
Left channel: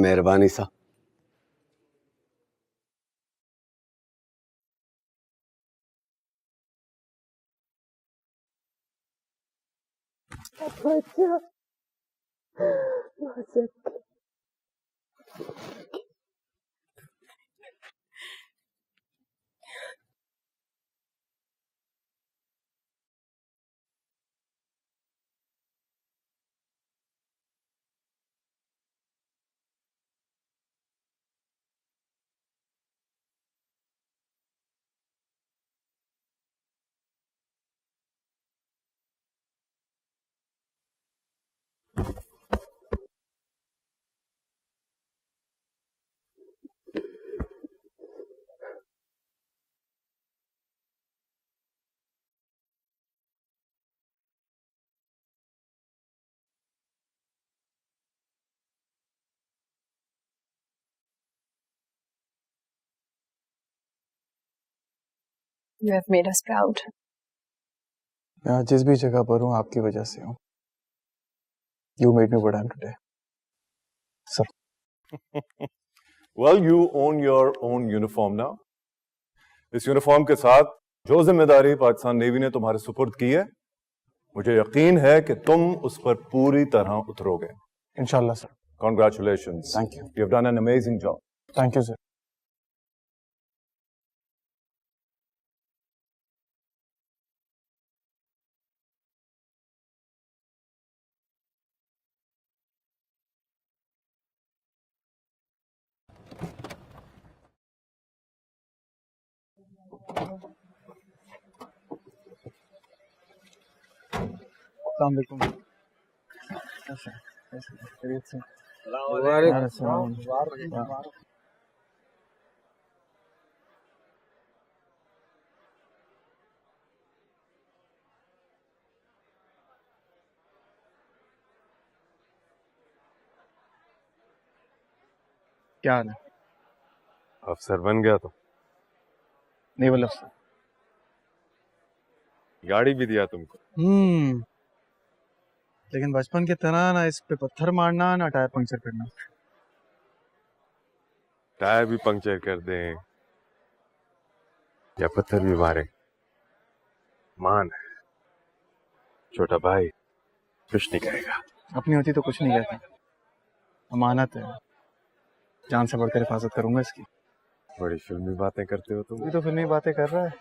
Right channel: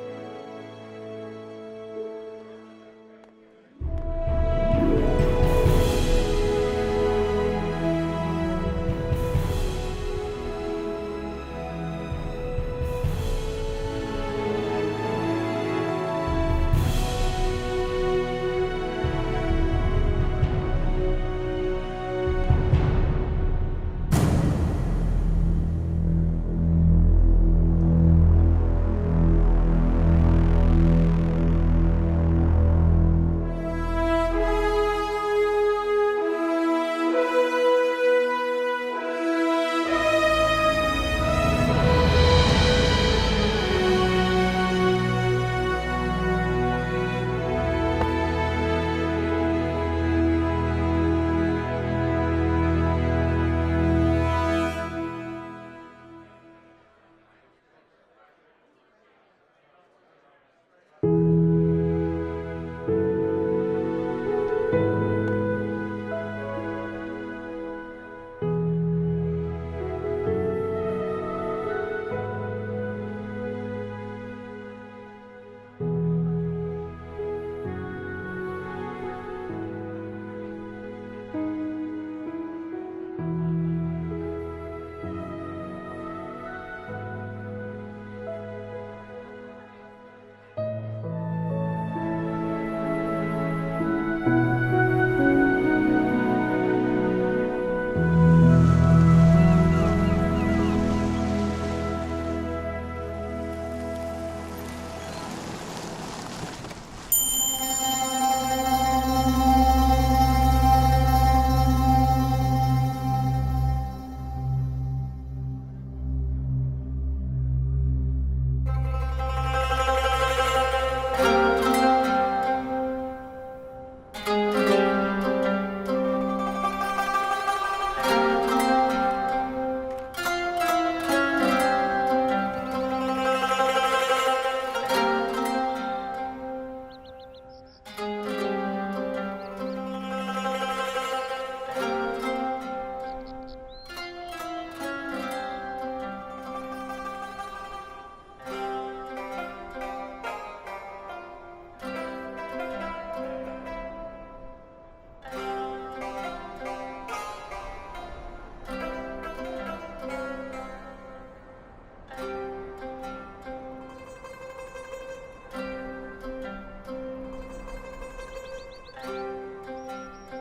मेहरबानी साहब। You have made us proud. यहाँ जिस भी जगह पर हूँ आपकी वजह से। You made me what I am today. Sir. Well, you own your own uniform now. इस यूनिफॉर्म के साथ जो जिम्मेदारी पाकिस्तान नेवी ने तुम्हारे सुपुर्द की है, मुझे यकीन है कि तुम उस पर पूरी तरह उतरोगे। इंशाल्लाह sir. Congratulations. Thank you. You have done an amazing job. Thank you, sir. अस्सलाम वालेकुम। क्या हाल है? अफसर बन गया था। नहीं बोला। गाड़ी भी दिया तुमसे। लेकिन बचपन की तरह ना इस पे पत्थर मारना ना टायर पंक्चर करना। टायर भी पंक्चर कर दे या पत्थर भी मारे, मान छोटा भाई कुछ नहीं कहेगा। अपनी होती तो कुछ नहीं कहता। अमानत है, जान से बढ़कर हिफाजत करूंगा इसकी। बड़ी फिल्मी बातें करते हो तुम। तो फिल्मी बातें कर रहा है।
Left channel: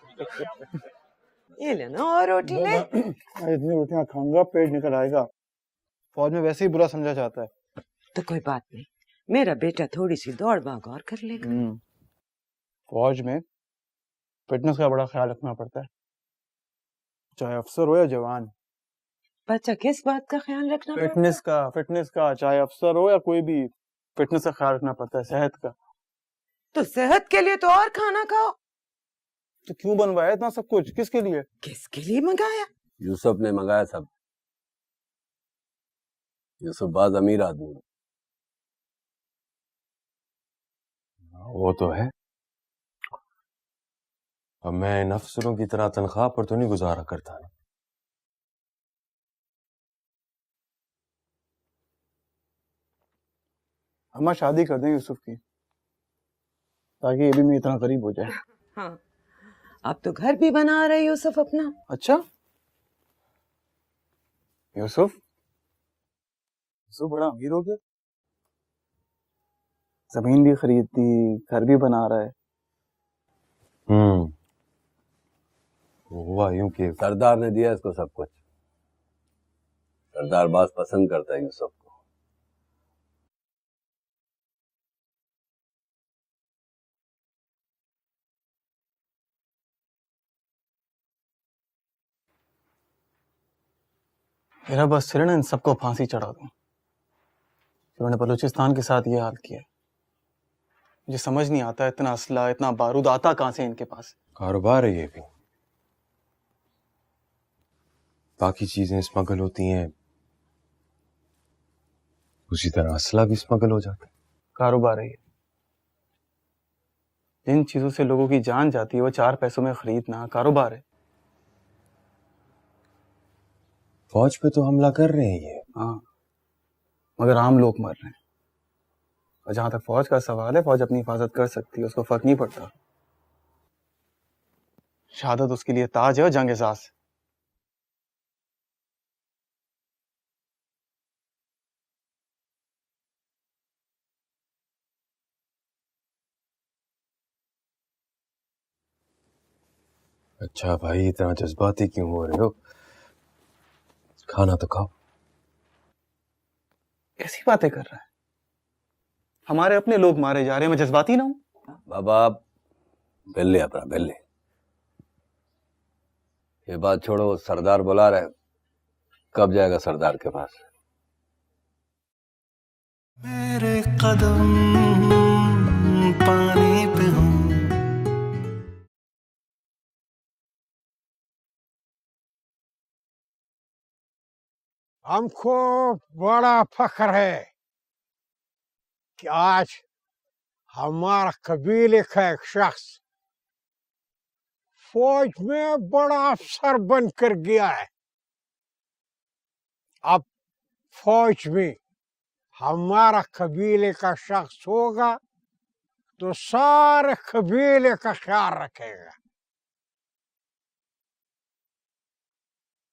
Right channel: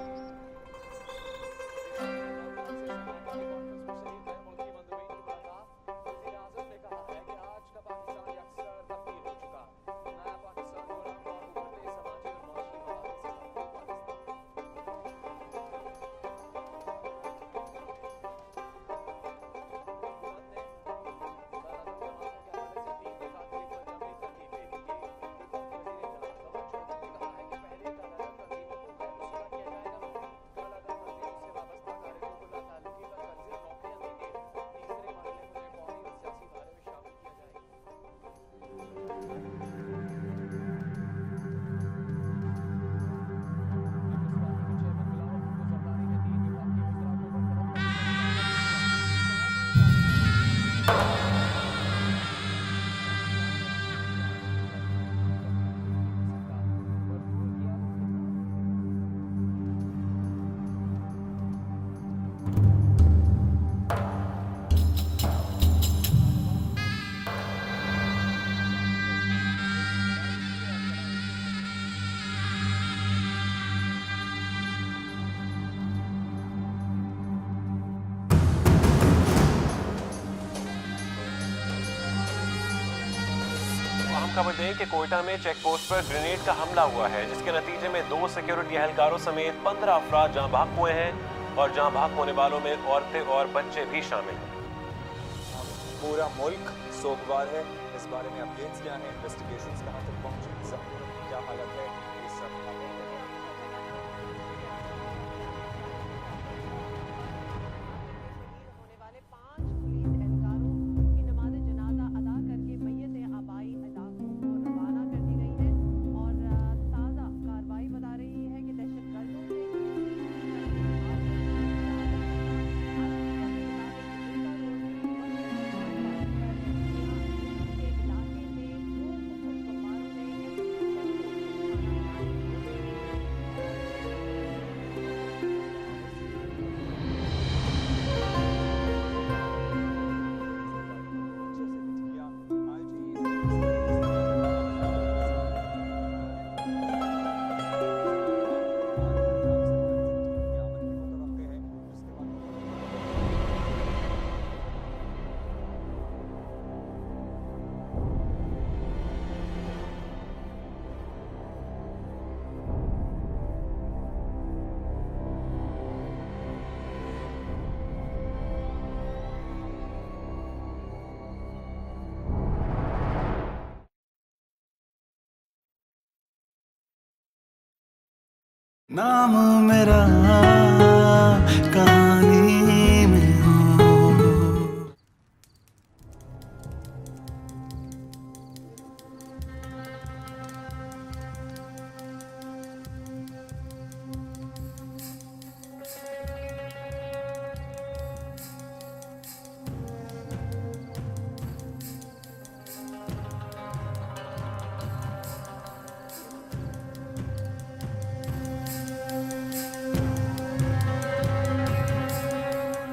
ये लेना और रोटी ले। इतनी रोटियां खाऊंगा पेट निकल आएगा। फौज में वैसे ही बुरा समझा जाता है। तो कोई बात नहीं, मेरा बेटा थोड़ी सी दौड़ भाग और कर लेगा। फौज में फिटनेस का बड़ा ख्याल रखना पड़ता है, चाहे अफसर हो या जवान। बच्चा किस बात का ख्याल रखना? फिटनेस का चाहे अफसर हो या कोई भी, फिटनेस का ख्याल रखना पड़ता है, सेहत का। तो सेहत के लिए तो और खाना खाओ। तो क्यों बनवाया इतना सब कुछ? किसके लिए? किसके लिए मंगाया? यूसुफ ने मंगाया सब। यूसुफ बाज अमीर आदमी। वो तो है, अब मैं इन अफसरों की तरह तनख्वाह पर तो नहीं गुजारा करता। हम शादी कर दें यूसुफ की, ताकि ये भी मेरी इतना करीब हो जाए। हाँ, आप तो घर भी बना रहे यूसुफ अपना। अच्छा, यूसुफ तो बड़ा हीरो के, जमीन भी खरीदती, घर भी बना रहा है। हुआ यूं कि सरदार ने दिया इसको सब कुछ। सरदार बात पसंद करता है यूसुफ। हम खबर दें कि कोयटा में चेक पोस्ट पर ग्रेनेड का हमला हुआ है, जिसके नतीजे में 2 सिक्योरिटी एहलकारों समेत 15 अफराद जहां भाग हुए हैं और जहां भाग होने वालों में औरतें और बच्चे भी शामिल हैं। मेरा बस सिर ना इन सबको फांसी चढ़ा। मुल्क सोगवार है। मैंने बलूचिस्तान के साथ ये हाथ किया। मुझे समझ नहीं आता इतना असला, इतना बारूद आता कहाँ से इनके पास। कारोबार है ये, बाकी चीजें स्मगल होती हैं, उसी तरह असला भी स्मगल हो जाता है। कारोबार है ये। जिन चीजों से लोगों की जान जाती है वो 4 पैसों में खरीदना कारोबार है। फौज पे तो हमला कर रहे हैं। हाँ, मगर आम लोग मर रहे हैं। और जहां तक फौज का सवाल है, फौज अपनी हिफाजत कर सकती है, उसको फर्क नहीं पड़ता। शहादत उसके लिए ताज है और जंग एहसास। अच्छा भाई, इतना जज्बाती क्यों हो रहे हो? खाना तो खाओ। ऐसी बातें कर रहा है। हमारे अपने लोग मारे जा रहे हैं, मैं जज्बाती ना हूं? बाबा बेल्ले अपना बेल्ले, ये बात छोड़ो। सरदार बुला रहे, कब जाएगा सरदार के पास? मेरे कदम पानी पे हूँ, नाम मेरा कहानी में हो। हमको बड़ा फख्र है कि आज हमारा कबीले का एक शख्स फौज में बड़ा अफसर बनकर गया है। अब फौज में हमारा कबीले का शख्स होगा तो सारे कबीले का ख्याल रखेगा।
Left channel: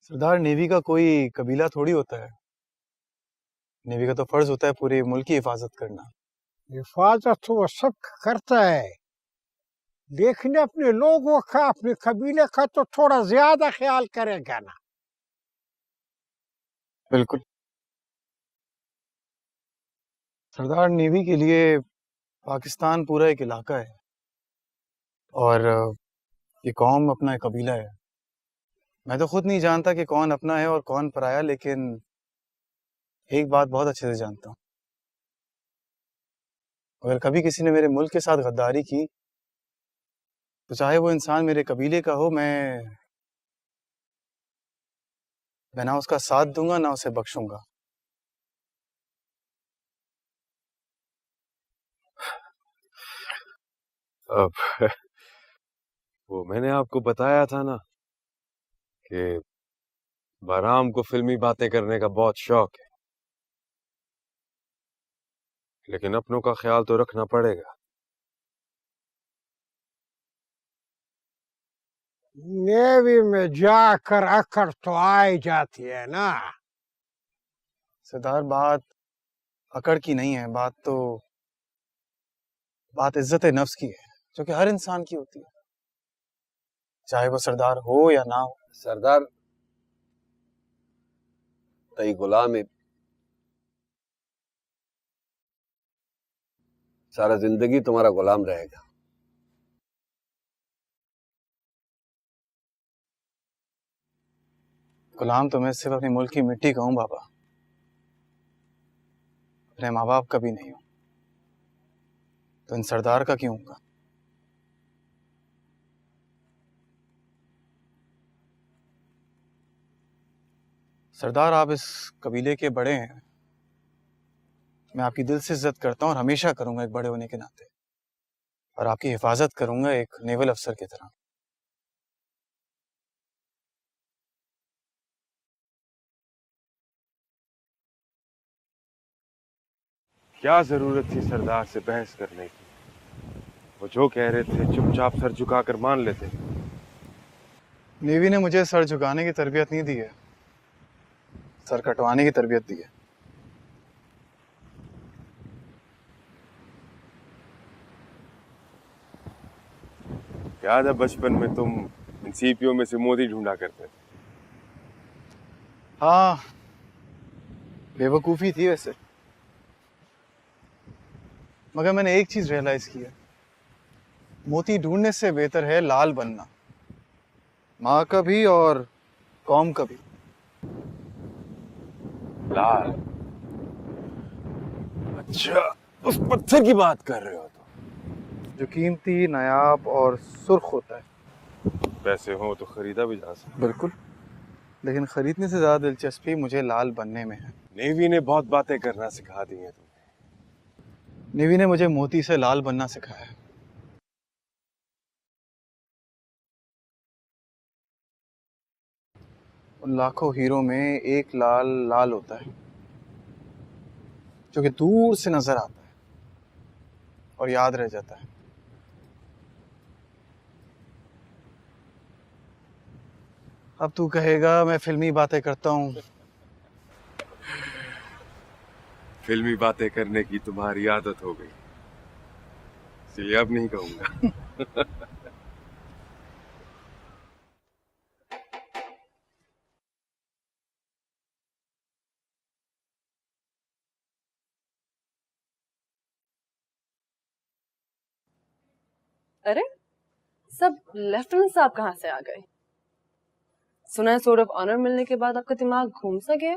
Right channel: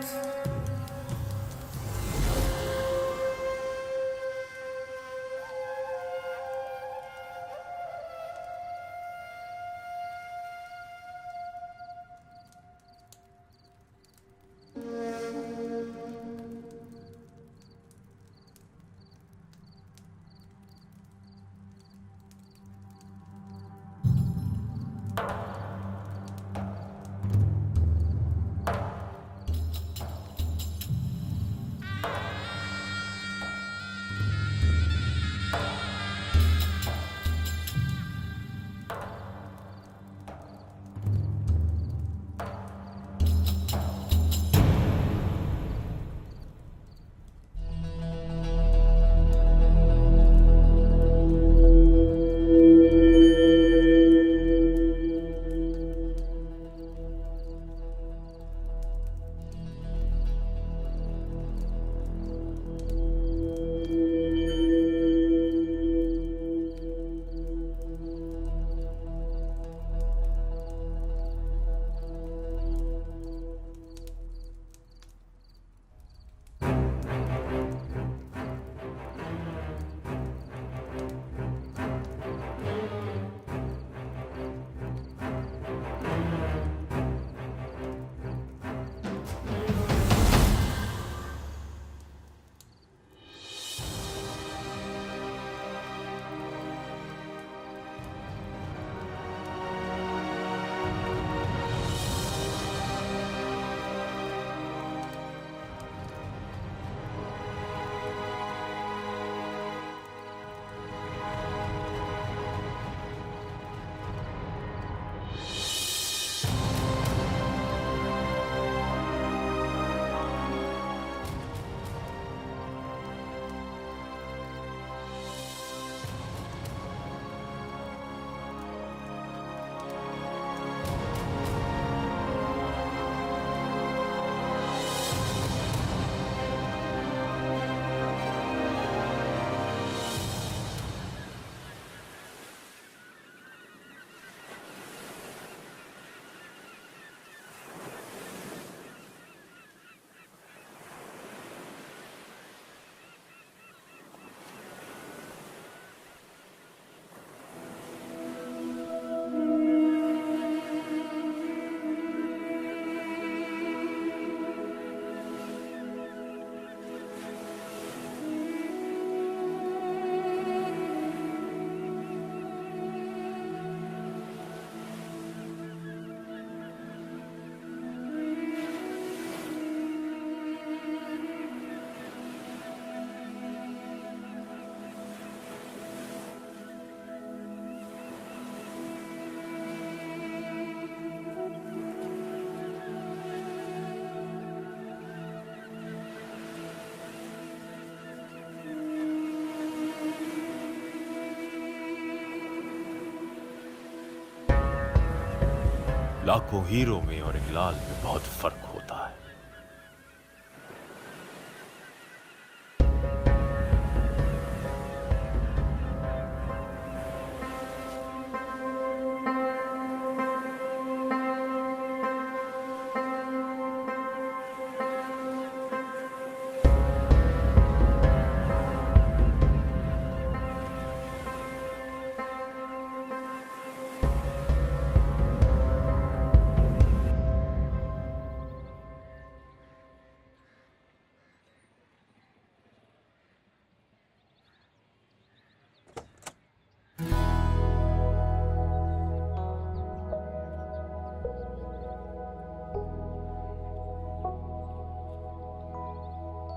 सरदार, नेवी का कोई कबीला थोड़ी होता है। नेवी का तो फर्ज होता है पूरे मुल्क की हिफाजत करना। हिफाजत तो वो सब करता है, लेकिन अपने लोगों का, अपने कबीले का तो थोड़ा ज्यादा ख्याल करेगा ना। बिल्कुल सरदार, नेवी के लिए पाकिस्तान पूरा एक इलाका है और ये कौम अपना एक कबीला है। मैं तो खुद नहीं जानता कि कौन अपना है और कौन पराया, लेकिन एक बात बहुत अच्छे से जानता हूँ, अगर कभी किसी ने मेरे मुल्क के साथ गद्दारी की तो चाहे वो इंसान मेरे कबीले का हो, मैं ना उसका साथ दूंगा ना उसे बख्शूंगा। अब वो मैंने आपको बताया था ना कि बहराम को फिल्मी बातें करने का बहुत शौक है, लेकिन अपनों का ख्याल तो रखना पड़ेगा। नेवी में जाकर अकड़ तो आई जाती है ना। सरदार, बात अकड़ की नहीं है, बात इज्जत नफ्स की है, जो कि हर इंसान की होती है, चाहे वो सरदार हो या ना हो। सरदार तई गुलाम है, सारा जिंदगी तुम्हारा गुलाम रहेगा। गुलाम तो मैं सिर्फ अपने मुल्क की मिट्टी का हूँ बाबा, अपने माँ बाप का भी नहीं। तो इन सरदार का क्यों? सरदार, आप इस कबीले के बड़े हैं, मैं आपकी दिल से इज्जत करता हूँ और हमेशा करूंगा एक बड़े होने के नाते, और आपकी हिफाजत करूंगा एक नेवल अफसर के तौर पर। क्या जरूरत थी सरदार से बहस करने की? वो जो कह रहे थे चुपचाप सर झुकाकर मान लेते। नेवी ने मुझे सर झुकाने की तरबियत नहीं दी है, सर कटवाने की तरबियत दी है। याद है बचपन में तुम सीपियों में से मोदी ढूंढा करते थे? हाँ, बेवकूफ़ी थी वैसे, मगर मैंने एक चीज रियलाइज की है, मोती ढूंढने से बेहतर है लाल बनना, माँ का भी और कौम का भी। लाल? अच्छा, उस पत्थर की बात कर रहे हो जो कीमती, नायाब और सुर्ख होता है। पैसे हो तो खरीदा भी जा सकता। बिल्कुल, लेकिन खरीदने से ज्यादा दिलचस्पी मुझे लाल बनने में है। नेवी ने बहुत बातें करना सिखा दी है। नेवी ने मुझे मोती से लाल बनना सिखाया। लाखों हीरो में और एक लाल में बहुत फर्क होता है। उन लाखों हीरो में एक लाल लाल होता है जो कि दूर से नजर आता है और याद रह जाता है। अब तू कहेगा मैं फिल्मी बातें करता हूँ। फिल्मी बातें करने की तुम्हारी आदत हो गई, इसलिए अब नहीं कहूंगा। अरे, सब लेफ्टिनेंट साहब कहाँ से आ गए? सुना है सोर्ड ऑफ ऑनर मिलने के बाद आपका दिमाग घूम सा गया?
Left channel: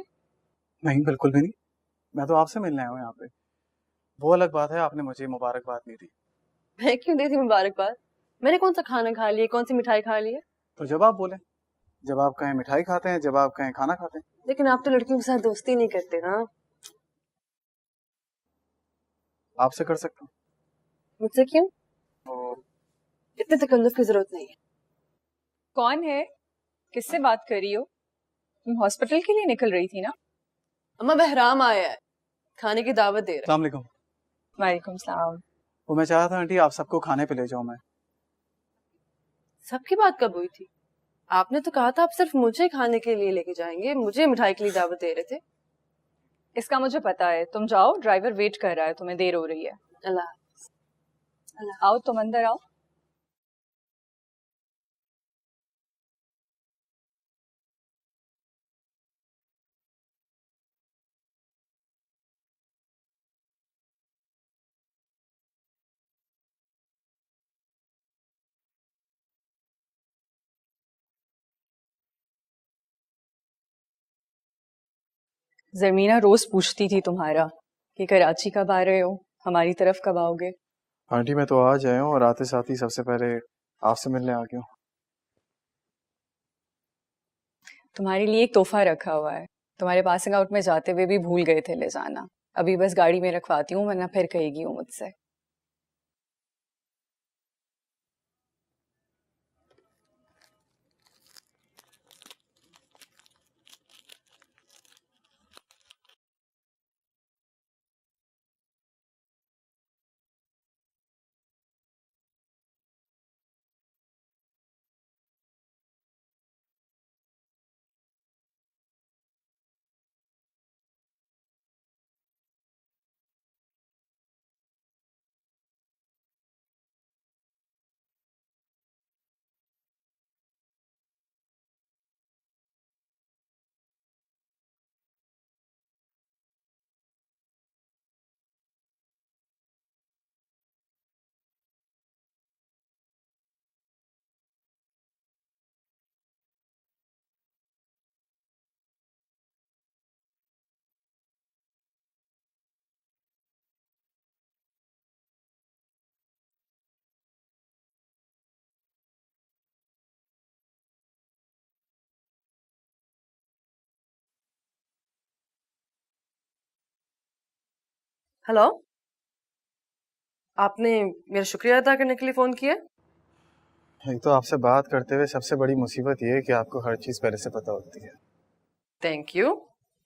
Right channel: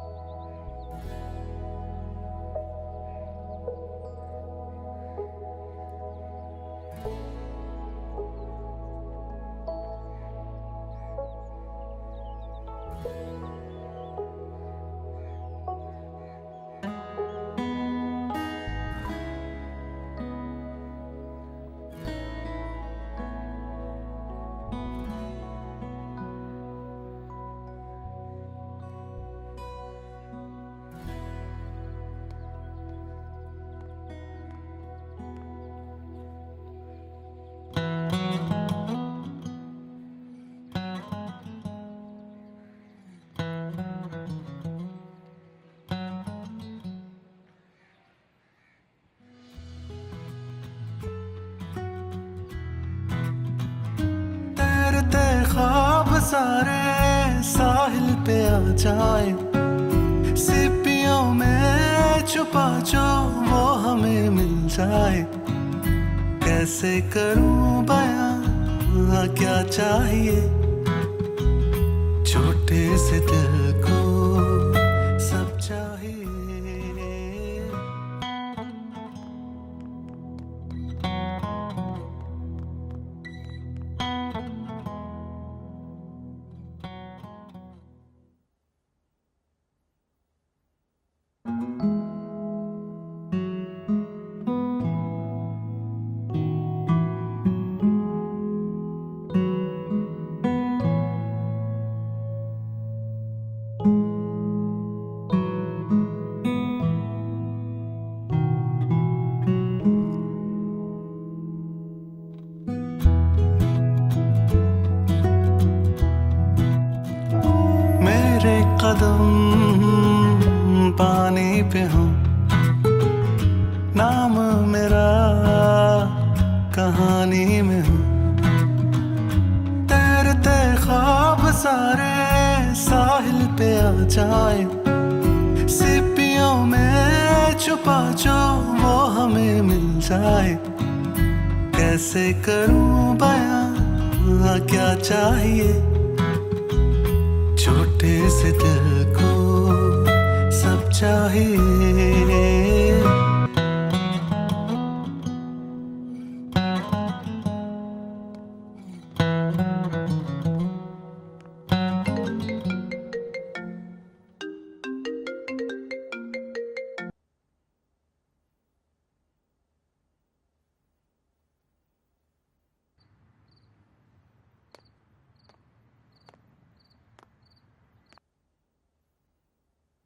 नहीं, बिल्कुल भी नहीं। मैं तो आपसे मिलने आया हूँ यहाँ पे। वो अलग बात है, आपने मुझे मुबारकबाद नहीं दी। मैं क्यों दी थी मुबारकबाद? मैंने कौन सा खाना खा लिया, कौन सी मिठाई खा ली है? तो जब आप बोले, जब आप कहें मिठाई खाते हैं, जब आप कहें खाना खाते हैं। लेकिन आप तो लड़कियों के साथ दोस्ती नहीं करते ना। आपसे कर सकते? मुझसे क्यों? इतने तकल्लुफ की जरूरत नहीं है। कौन है? किससे बात कर रही हो? तुम हॉस्पिटल के लिए निकल रही थी ना? अम्मा बहराम आया है, खाने की दावत दे रहा है। अस्सलाम वालेकुम। वालेकुम सलाम। वो मैं चाह रहा था आंटी आप सबको खाने पे ले जाऊं मैं। सबकी बात कब हुई थी? आपने तो कहा था आप सिर्फ मुझे खाने के लिए लेके जाएंगे, मुझे मिठाई के लिए दावत दे रहे थे। इसका मुझे पता है, तुम जाओ, ड्राइवर वेट कर रहा है, तुम्हें देर हो रही है। अल्लाह। आओ तुम अंदर आओ। तैरते ख्वाब सारे साहिल पे आ जाए, सीपियों में छुपा जो वो हमें मिल जाए, कैसे करूं बयां क्या चाहिए छोटे से दिल को सब ज़मीना रोज पूछती थी तुम्हारा कि कराची कब आ रहे हो, हमारी तरफ कब आओगे। आंटी मैं तो आज आया हूँ और आते साथ ही सबसे पहले आपसे मिलने आ गया हूँ। तुम्हारे लिए एक तोहफा रखा हुआ है, तुम्हारे पासिंग आउट में जाते हुए भी भूल गए थे ले जाना। अभी बस गाड़ी में रखवाती हूँ, वरना फिर कहेगी वो मुझसे। मेरे कदम पानी पे हो, नाम मेरा कहानी में हो, तैरते ख्वाब सारे साहिल पे आ जाए, सीपियों में छुपा जो वो हमें मिल जाए, कैसे करूं बयां क्या चाहिए छोटे से दिल को सब चाहिए। हेलो, आपने मेरा शुक्रिया अदा करने के लिए फोन किया? एक तो आपसे बात करते हुए सबसे बड़ी मुसीबत ये है कि आपको हर चीज पहले से पता होती है। Thank you.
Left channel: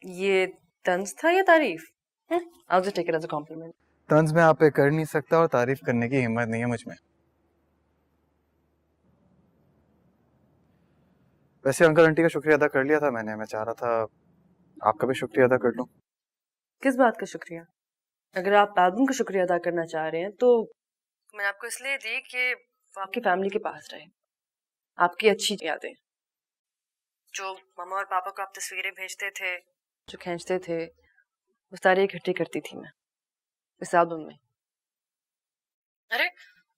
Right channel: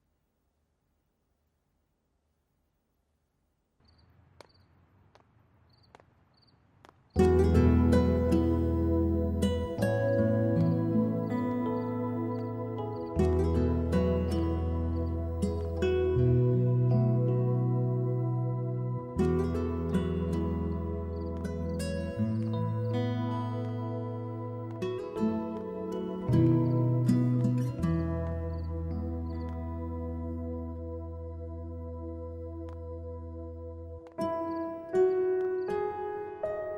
ये तंज था या तारीफ? I'll just take it as a compliment. तंज मैं आप पे कर नहीं सकता और तारीफ करने की हिम्मत नहीं है मुझ में। वैसे अंकल आंटी का शुक्रिया अदा कर लिया था मैंने, मैं चाह रहा था आपका भी शुक्रिया अदा कर लूं। किस बात का शुक्रिया? अगर आप एल्बम का शुक्रिया अदा करना चाह रहे हैं तो मैंने आपको इसलिए दी कि वो आपकी फैमिली के पास रहे, आपकी अच्छी यादें, जो मम्मा और पापा को आप तस्वीरें भेजते थे, जो खींचते थे, वो सारी इकट्ठी करती थी मैं इस एल्बम में। अरे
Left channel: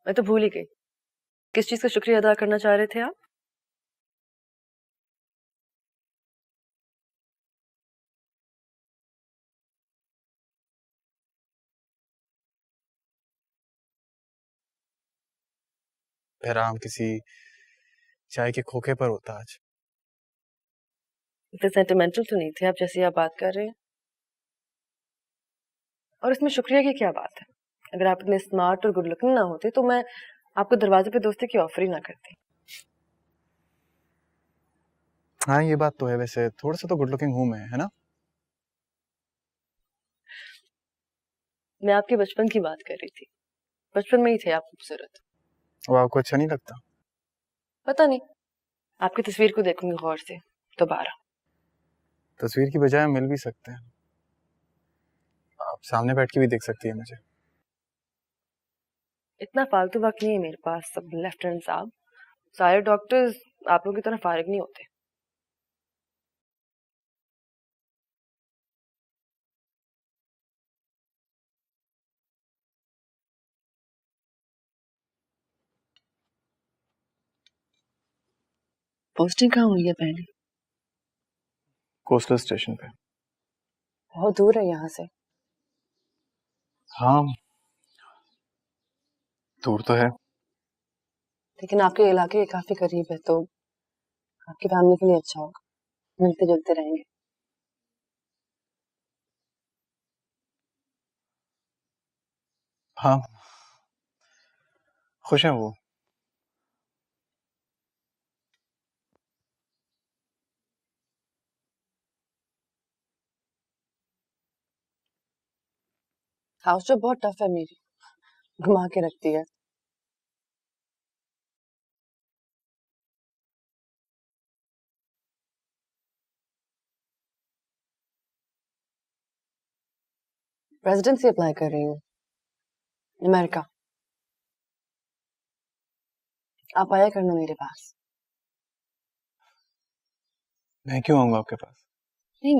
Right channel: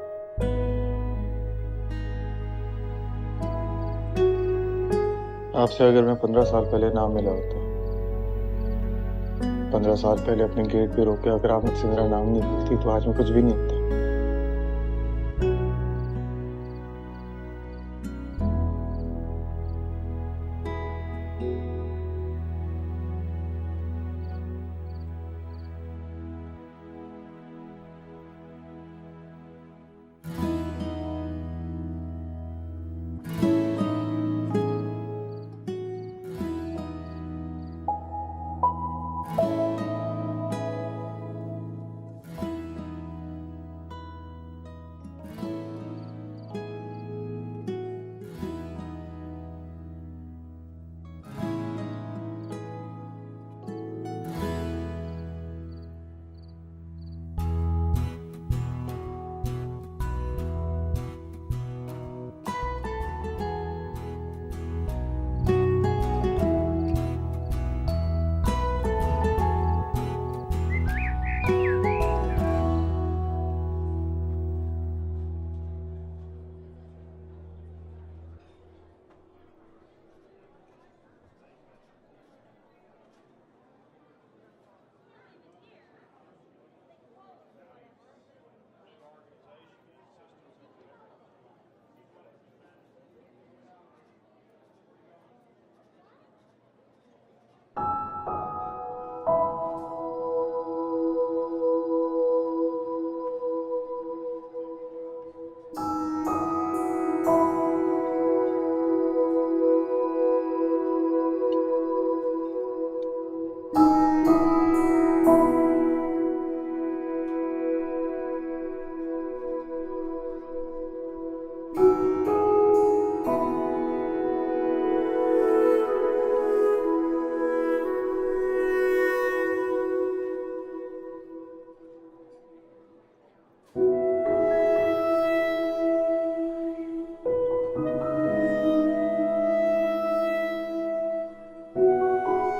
मैं तो भूल ही गई, किस चीज़ का शुक्रिया अदा करना चाह रहे थे आप? आपसे अगर मैं 15 साल पहले ना मिला होता, 15 साल पहले अपने गेट पे रोके अगर आप मुझसे मेरा नाम नहीं पूछती तो आज मैं कुछ भी नहीं होता। आराम किसी चाय के खोखे पर होता आज। इतने सेंटिमेंटल तो नहीं थे आप जैसे आप बात कर रहे हैं। और इसमें शुक्रिया की क्या बात है? अगर आप इतने स्मार्ट और गुड लुकिंग ना होते तो मैं आपको दरवाजे पे दोस्ती की ऑफर ही ना करती। हाँ ये बात तो है, वैसे थोड़ा सा तो गुड लुकिंग हूँ मैं, है ना? मैं आपके बचपन की बात कर रही थी, बचपन में ही थे आप खूबसूरत। वो आपको अच्छा नहीं लगता? पता नहीं, आपकी तस्वीर को देखूंगी गौर से दोबारा। तस्वीर की बजाय हम मिल भी सकते हैं, आप सामने बैठ के भी देख सकती है मुझे। इतना फालतू वक्त नहीं है मेरे पास सब लेफ्टिनेंट साहब, सारे डॉक्टर्स आप लोगों की तरह फारिग नहीं होते। पोस्टिंग कहाँ हुई है पहले? कोस्टल स्टेशन पे। बहुत दूर है यहाँ से। हाँ दूर तो है, लेकिन आपके इलाके के काफी करीब है तो आपकी फैमिली के लिए अच्छा होगा, मिलते जुलते रहेंगे। हाँ खुश हैं वो। क्लास जो बहुत टफ है मेरी, घुमा के रखती है। रेजिडेंसी अप्लाई कर रही हूँ अमेरिका। आप आया करना मेरे पास। मैं क्यों आऊंगा आपके पास? नहीं,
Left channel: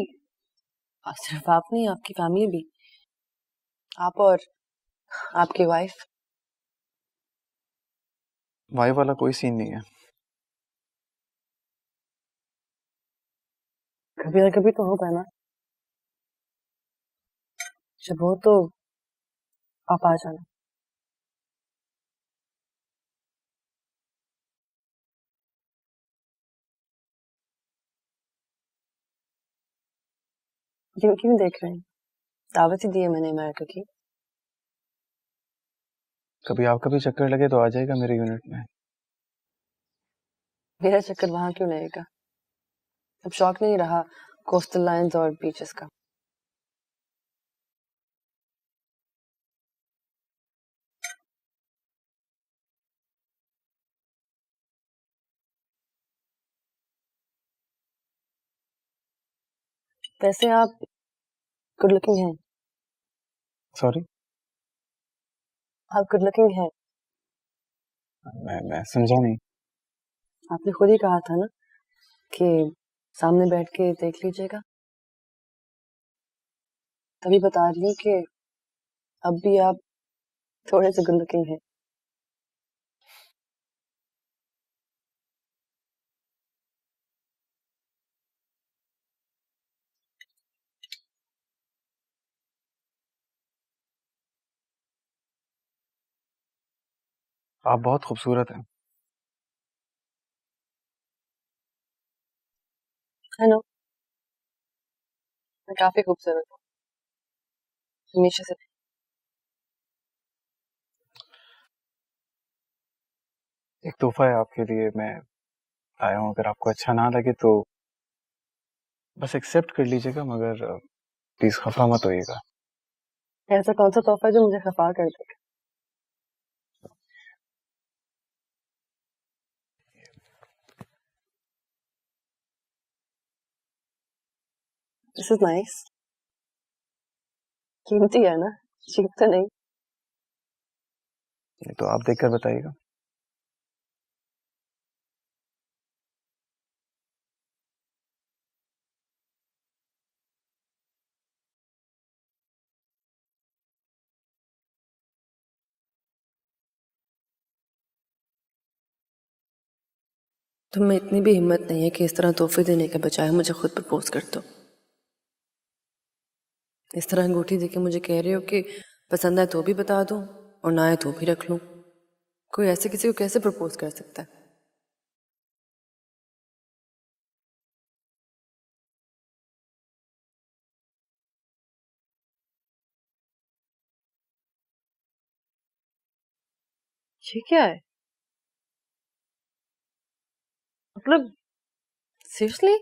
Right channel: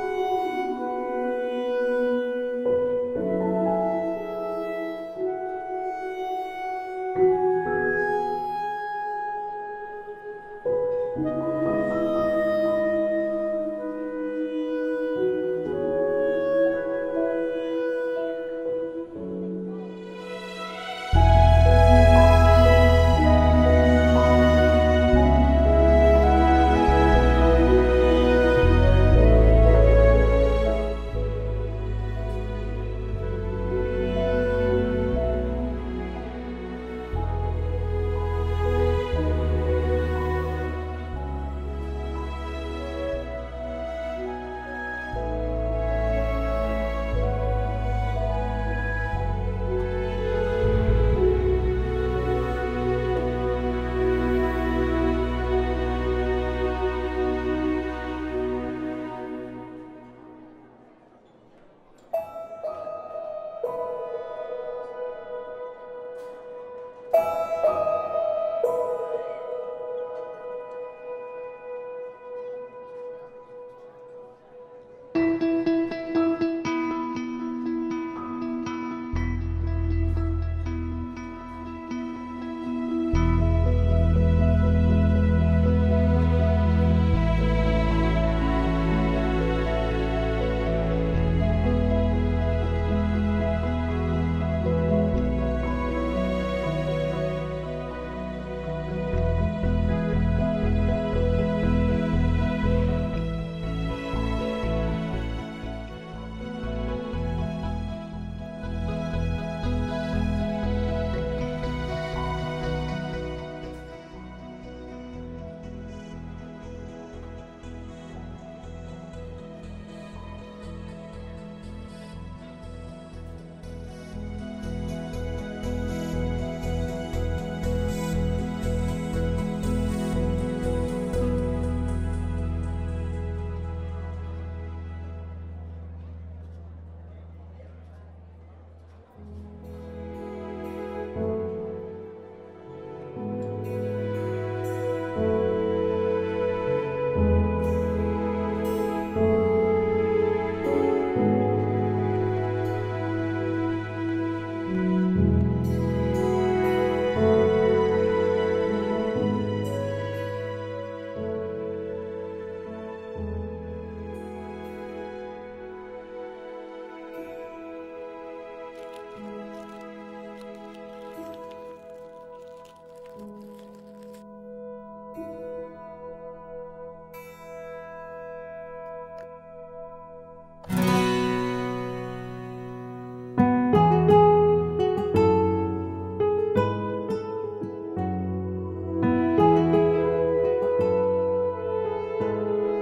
अब सिर्फ आप नहीं, आपकी फैमिली भी, आप और आपकी वाइफ। वाइफ वाला कोई सीन नहीं है। कभी ना कभी तो होगा ना, जब हो तो आप आ जाना। क्यों देख रहे हैं? दावत ही दी है मैंने अमेरिका की। कभी आपका भी चक्कर लगे तो आ जाएगा मेरे यूनिट में। मेरा चक्कर वहां क्यों लगेगा? अब शौक नहीं रहा कोस्टल लाइन्स और बीचेस का। वैसे आप गुड लुकिंग हैं। सॉरी? आप गुड लुकिंग हैं। मैं समझा नहीं। आपने खुद ही कहा था ना कि सामने बैठ के देख लीजिएगा, तभी बता रही हूँ कि अब भी आप थोड़े से गुड लुकिंग हैं। आप बहुत खूबसूरत हैं। हेलो, मैं काफी खूबसूरत हूँ हमेशा से। एक तोहफा है आपके लिए, मैं आया हूँ। अगर आपको अच्छा ना लगे तो बस एक्सेप्ट कर लीजिएगा, मगर प्लीज खफा मत होइएगा। ऐसा कौन सा तोहफा जो मुझे खफा कर दे? This is nice. कीमती है ना, चीप तो नहीं। तो आप देखकर बताइएगा। तुम में इतनी भी हिम्मत नहीं है कि इस तरह तोहफे देने के बजाय मुझे खुद प्रपोज कर दो। इस तरह अंगूठी देके मुझे कह रहे हो कि पसंद आए तो भी बता दो और ना आए तो भी रख लूं। कोई ऐसे किसी को कैसे प्रपोज कर सकता है? ये क्या है? मतलब सीरियसली?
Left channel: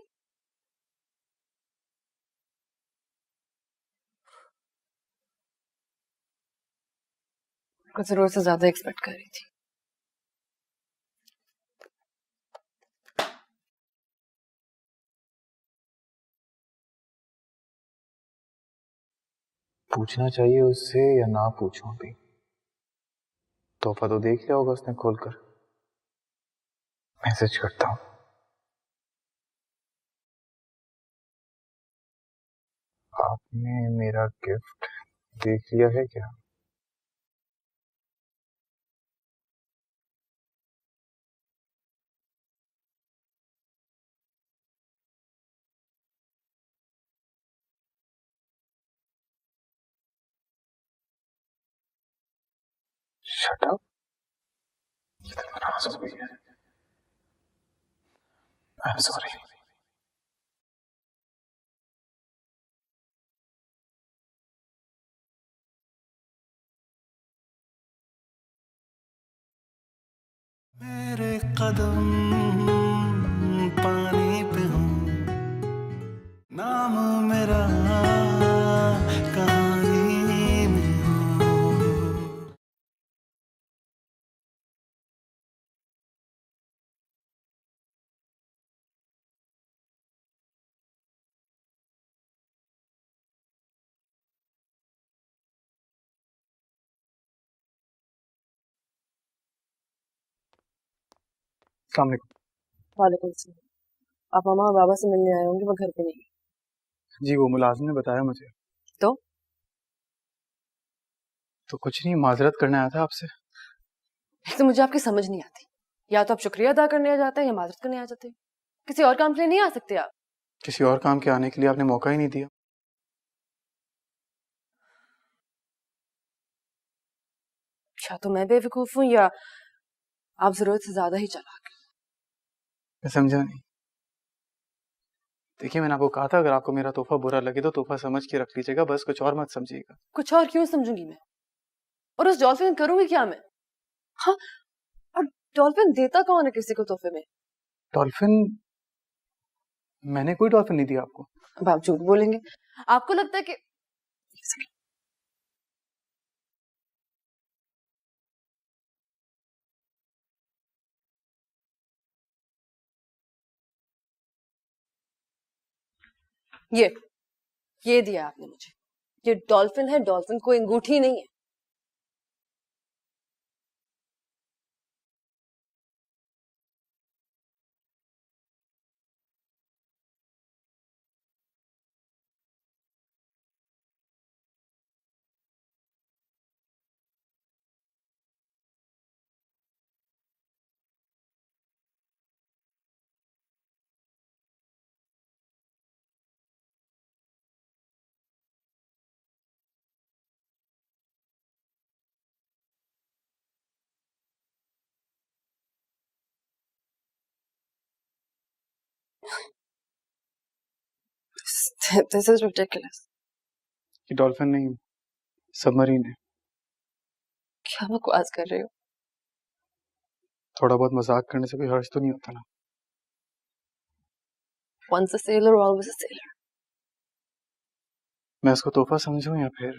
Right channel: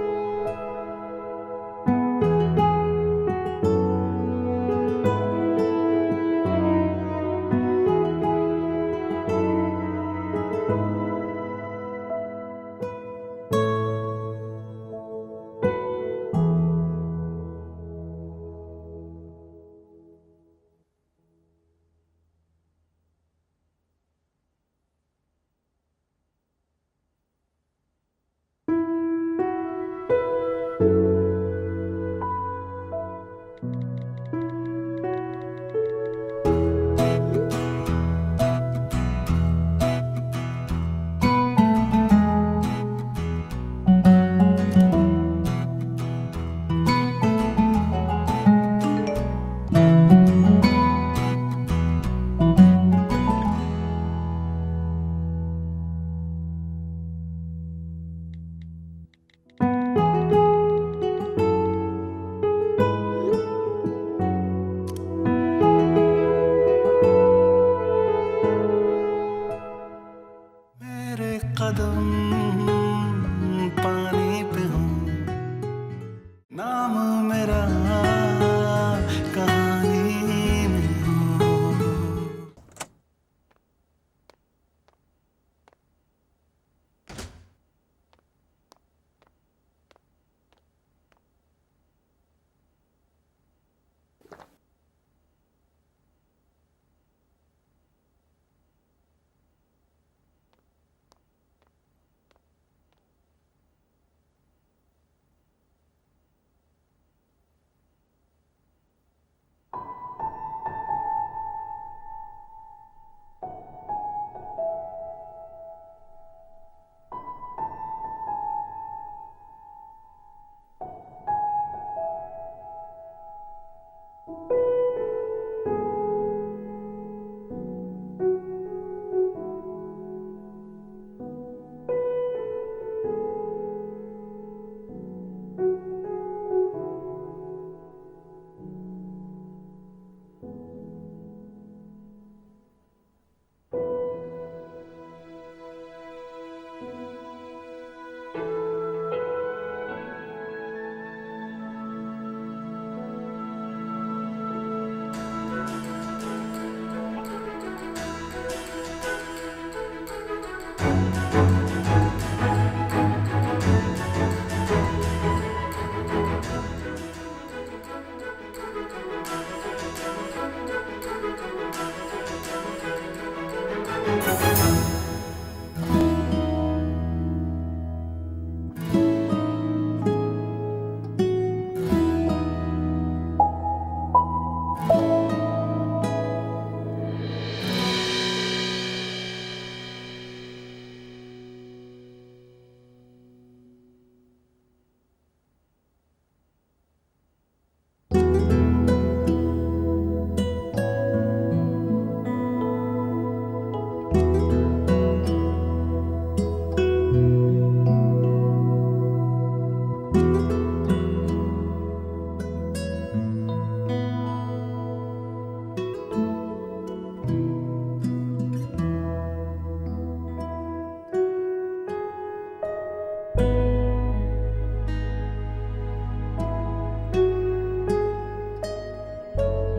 जरूर से ज्यादा एक्सपेक्ट कर रही थी। पूछना चाहिए उससे या ना पूछूं? अभी तोहफा तो देख लिया होगा उसने खोलकर। मैसेज करता हूँ। आपने मेरा गिफ्ट देख लिया है क्या? I'm sorry. मेरे कदम पानी पे हूँ, नाम मेरा कहानी में हो। अस्सलाम वालेकुम। वालेकुम सलाम। आप मामा और बाबा से मिलने आए होंगे, वो घर पे नहीं। जी वो मुलाजिम ने बताया मुझे। तो कुछ नहीं, माजरत करने आया था आपसे। एक तो मुझे आपकी समझ नहीं आती, या तो आप शुक्रिया अदा करने आ जाते हैं या माजरत करने आ जाते हैं। किसी और काम के लिए नहीं आ सकते आप? किसी और काम के आने के लिए आपने मौका ही नहीं दिया। या तो मैं बेवकूफ हूँ या आप जरूरत से ज्यादा ही चालाक हैं। मैं समझा नहीं। देखिए मैंने आपको कहा था अगर आपको मेरा तोहफा बुरा लगे तो तोहफा समझ के रख लीजिएगा, बस कुछ और मत समझिएगा। कुछ और क्यों समझूंगी मैं? और उस डॉल्फिन करूंगी क्या मैं? हाँ, और डॉल्फिन देता कौन है किसी को तोहफे में? डॉल्फिन? मैंने कोई डॉल्फिन नहीं दिया आपको। अब आप झूठ बोलेंगे। आपको लगता है कि ये दिया आपने मुझे। ये डॉल्फिन है, डॉल्फिन कोई अंगूठी नहीं है। This is ridiculous. ये डॉल्फिन नहीं, सबमरीन है। क्या बकवास कर रहे हो? थोड़ा बहुत मजाक करने से कोई हर्ज तो नहीं होता ना। Once a sailor, always a sailor. मैं इसको तोहफा समझूं या फिर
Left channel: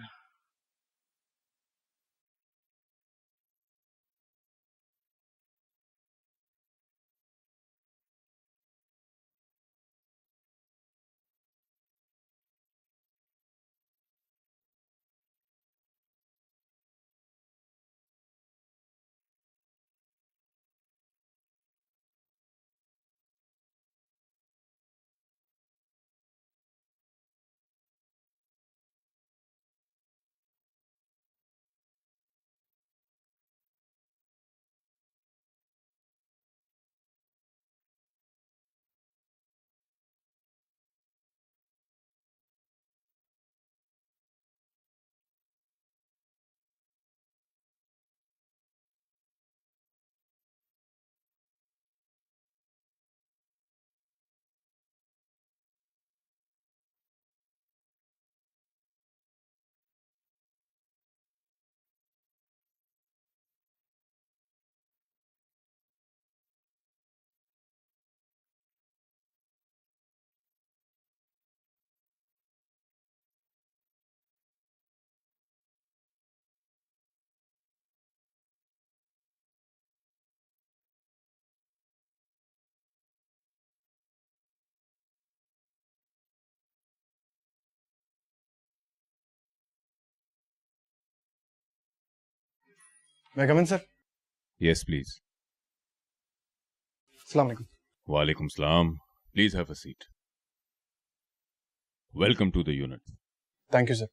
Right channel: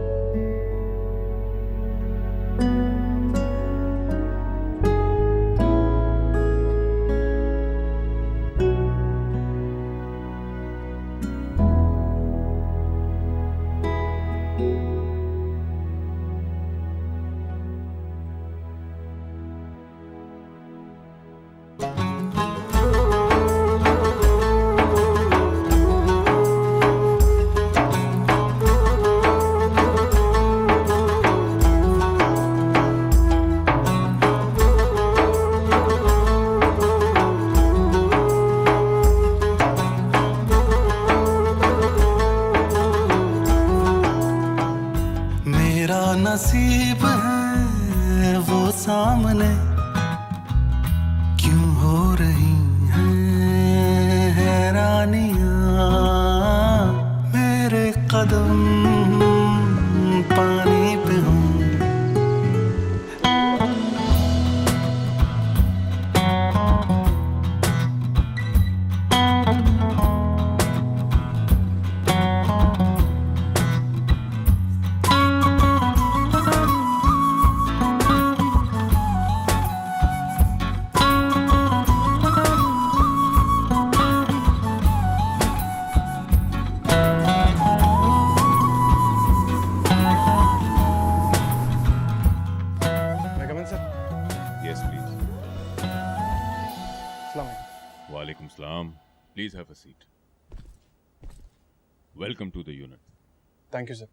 नसीब है वो सामने क्यों हो रही हैं हैरानियां, मेरे कदम पानी पे हों। मैं कम इन सर? Yes, please. अस्सलाम वालेकुम। Walaikum salam. Please have a seat. Welcome to the unit. Thank you, sir.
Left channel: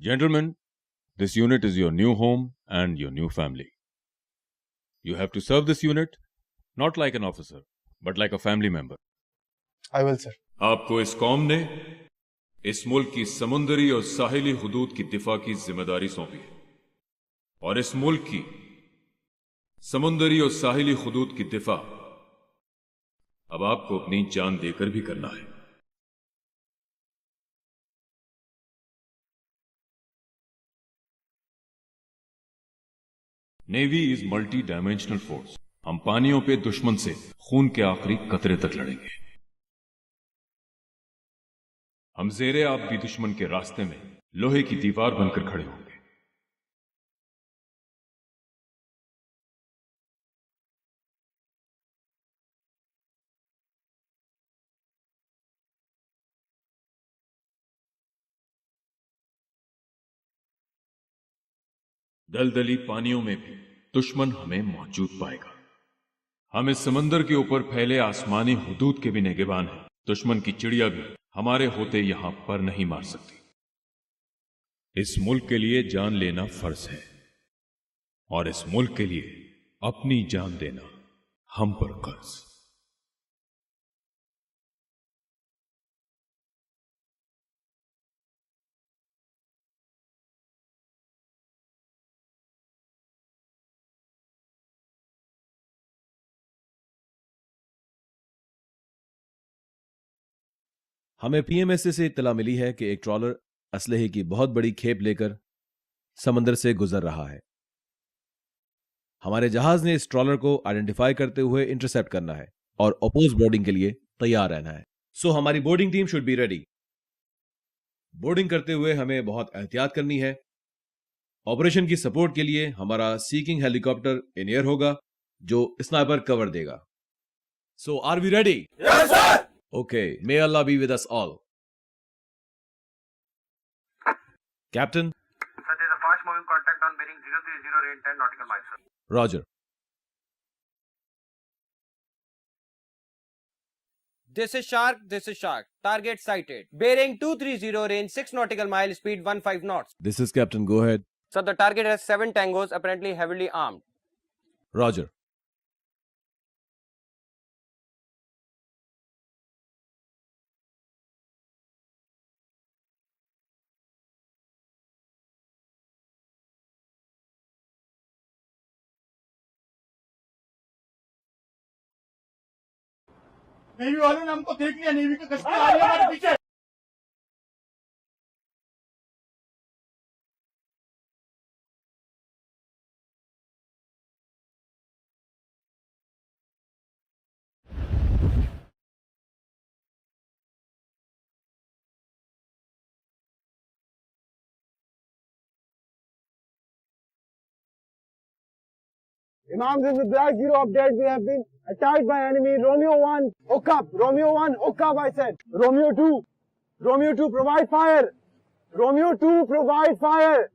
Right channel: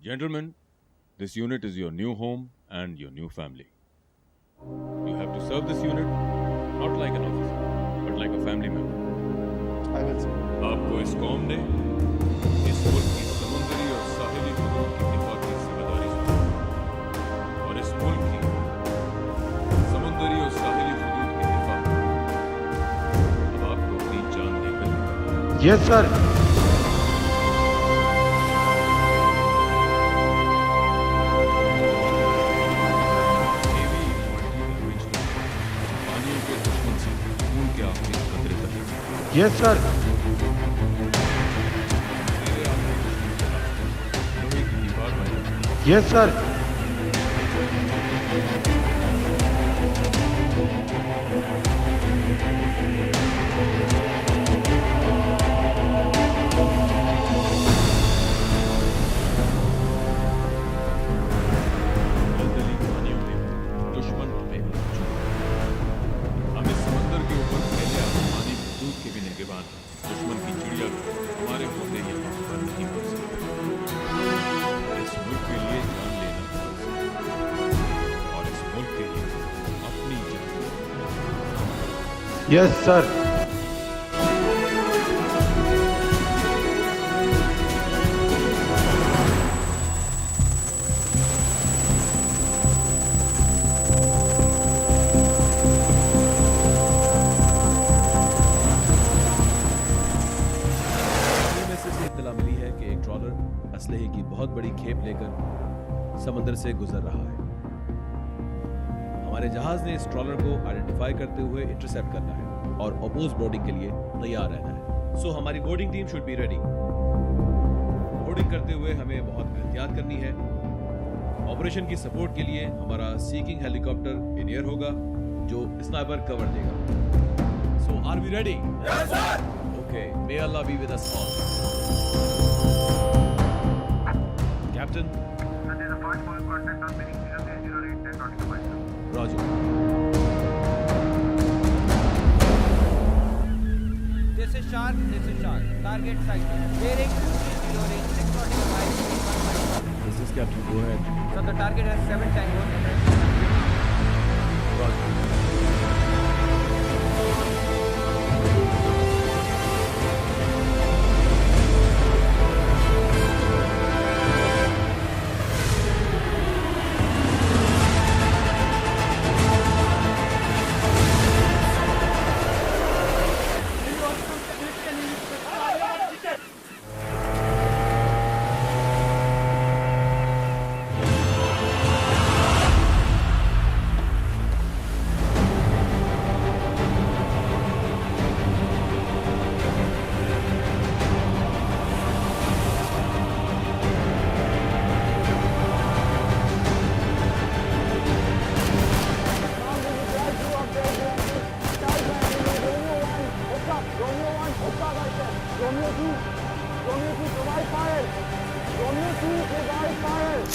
Gentlemen, this unit is your new home and your new family. You have to serve this unit not like an officer, but like a family member. I will, sir. आपको इस कौम ने इस मुल्क की समुंदरी और साहिली हुदूद की दिफा की जिम्मेदारी सौंपी, और इस मुल्क की समुंदरी और साहिली हुदूद की दिफा अब आपको अपनी जान देकर भी करना है। Yes sir. Navy is multi dimensional force. हम पानियों पे दुश्मन से खून के आखिरी कतरे तक लड़ेंगे। Yes sir. हम जेरे आखिरी दुश्मन के रास्ते में लोहे की दीवार बनकर खड़े हैं। Yes sir. दलदली पानियों में भी दुश्मन हमें मौजूद पाएगा। हम इस समंदर के ऊपर फैले आसमानी हुदूद के भी निगहबान हैं। दुश्मन की चिड़िया भी हमारे होते यहाँ पर नहीं मार सकते। इस मुल्क के लिए जान लेना फर्ज है और इस मुल्क के लिए अपनी जान देना हम पर कर्ज। Yes sir. टीएमएसए से इत्तला मिली है कि एक ट्रॉलर असलहे की बहुत बड़ी खेप लेकर समंदर से गुजर रहा है। हमारे जहाज ने इस ट्रॉलर को आइडेंटिफाई करते हुए इंटरसेप्ट करना है और अपोज बोर्डिंग के लिए तैयार रहना है। सो हमारी boarding team should be ready. Boarding करते हुए हमें बहुत एहतियात करनी है। ऑपरेशन की सपोर्ट के लिए हमारा सीकिंग हेलीकॉप्टर इन एयर होगा जो स्नाइपर कवर देगा। So are we ready? Yes sir. Okay, may Allah be with us all. Captain? Sir, there is a fast moving contact on bearing 03089 nautical miles, sir. Roger. This is Shark, this is Shark. Target sighted. Bearing 230, range 6 nautical miles, speed 15 knots. This is Captain, go ahead. Sir, the target has 7 tangos, apparently heavily armed. Roger. Imam, this is a Black Zero update. We have been attacked by enemy. Romeo 1, hook up. Romeo 1, hook up, I said. Romeo 2. Romeo 2, provide fire. Romeo 2, provide fire.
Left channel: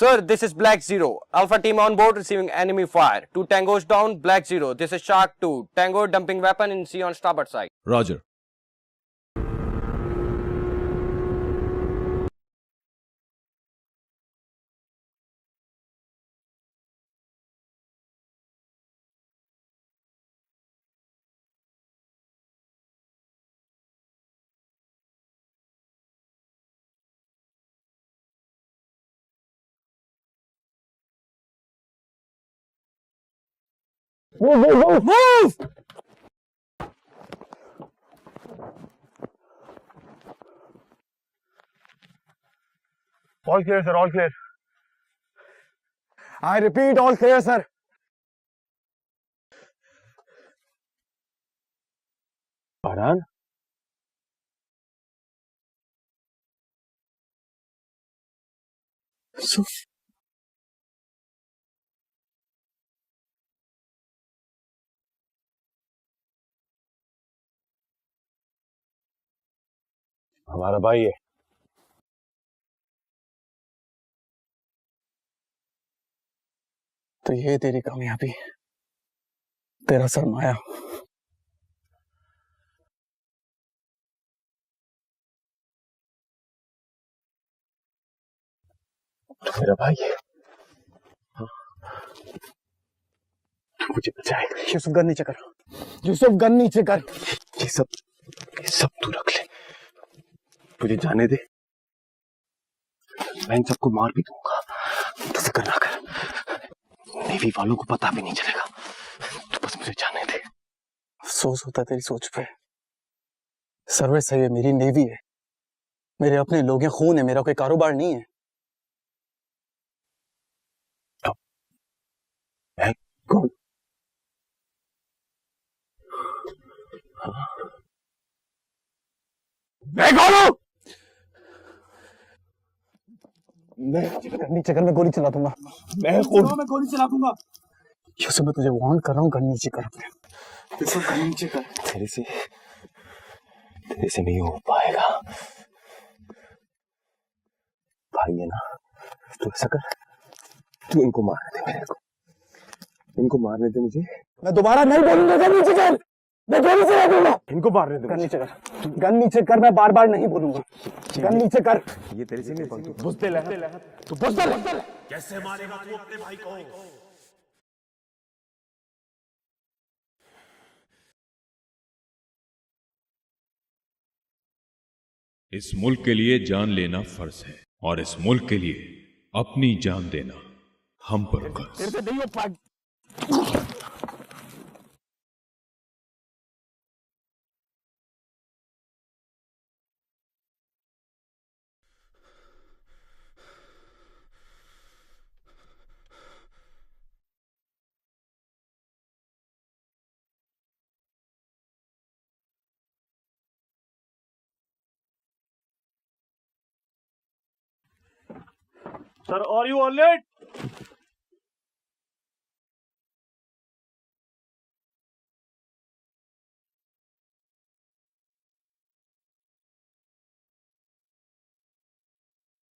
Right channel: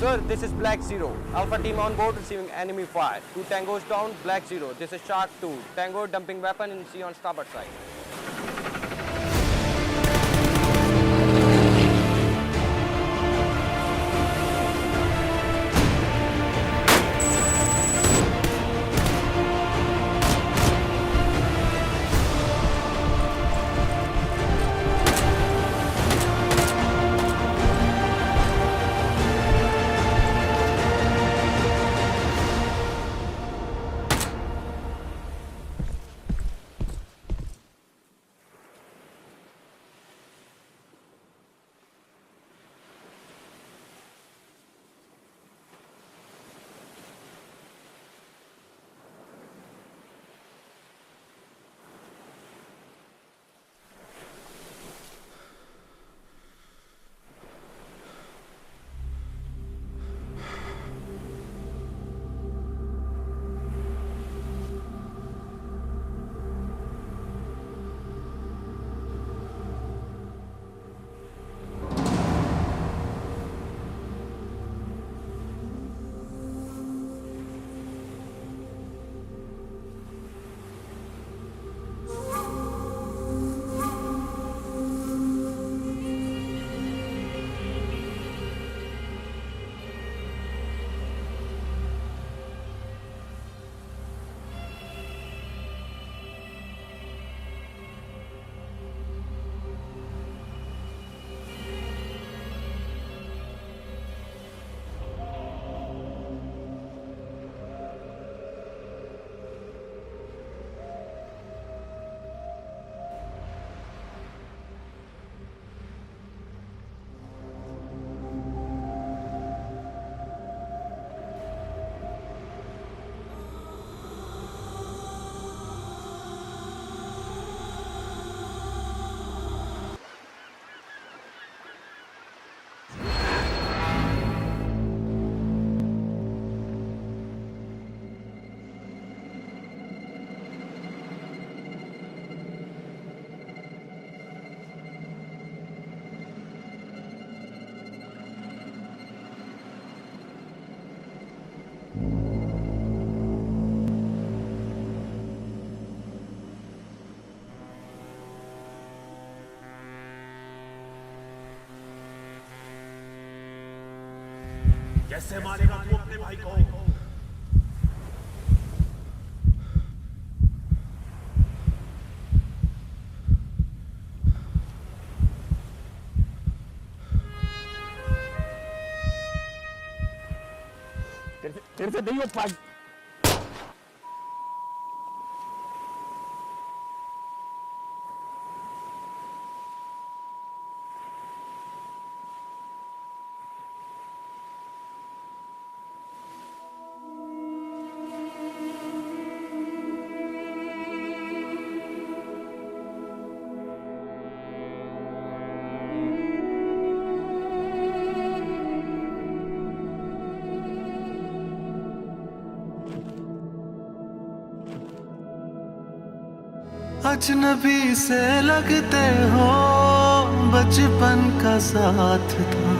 Sir, this is Black Zero. Alpha team on board receiving enemy fire. 2 tangos down, Black Zero. This is Shark 2. Tango dumping weapon in sea on starboard side. Roger. Move, move, move! Move! All clear, sir, all clear. I repeat, all clear, sir. Farhan? हमारा भाई है। तो ये तेरी कामयाबी, तेरा सरमाया। तो मेरा भाई है। मुझे बचाएगा। यूसुफ गन नीचे कर। यूसुफ गन नीचे कर। ये सब तू रख ले। मुझे जाने दे। मैं इन सबको मार भी दूंगा। तो फिक्र ना कर। नेवी वालों को पता भी नहीं चलेगा। तो बस मुझे जाने दे। अफसोस होता तेरी सोच पे। सर्विस है ये, मेरी नेवी है, मेरे अपने लोग हैं, खून है, मेरा कोई कारोबार नहीं है। तो मैं कौन? मैं कौन हूँ? नीचे कर, मैं गोली चला दूंगा। मैं गोली चला दूंगा। यूसुफ, मैं तुझे वार्न कर रहा हूँ, गन नीचे कर। गन नीचे कर। तेरे से नहीं हो पाएगा। भाई है ना, तू ऐसा कर, तू इनको मारने दे मेरे को, इनको मारने दे मुझे। मैं दोबारा नहीं बोलूंगा, गन नीचे कर। मैं गोली चला दूंगा। इनको मारने दे। गन नीचे कर, गन नीचे कर, मैं बार बार नहीं बोलूंगा। गन नीचे कर। ये तेरे से नहीं बोलूंगा। बुझते ले, तू बुझते ले। कैसे मारेगा तू अपने भाई को? इस मुल्क के लिए जान लेना फर्ज है और इस मुल्क के लिए अपनी जान देना हम पर फर्ज। तेरे से नहीं हो पाएगा। Sir, are you all right? अजनबी से लगते हो, बचपन का साथ था,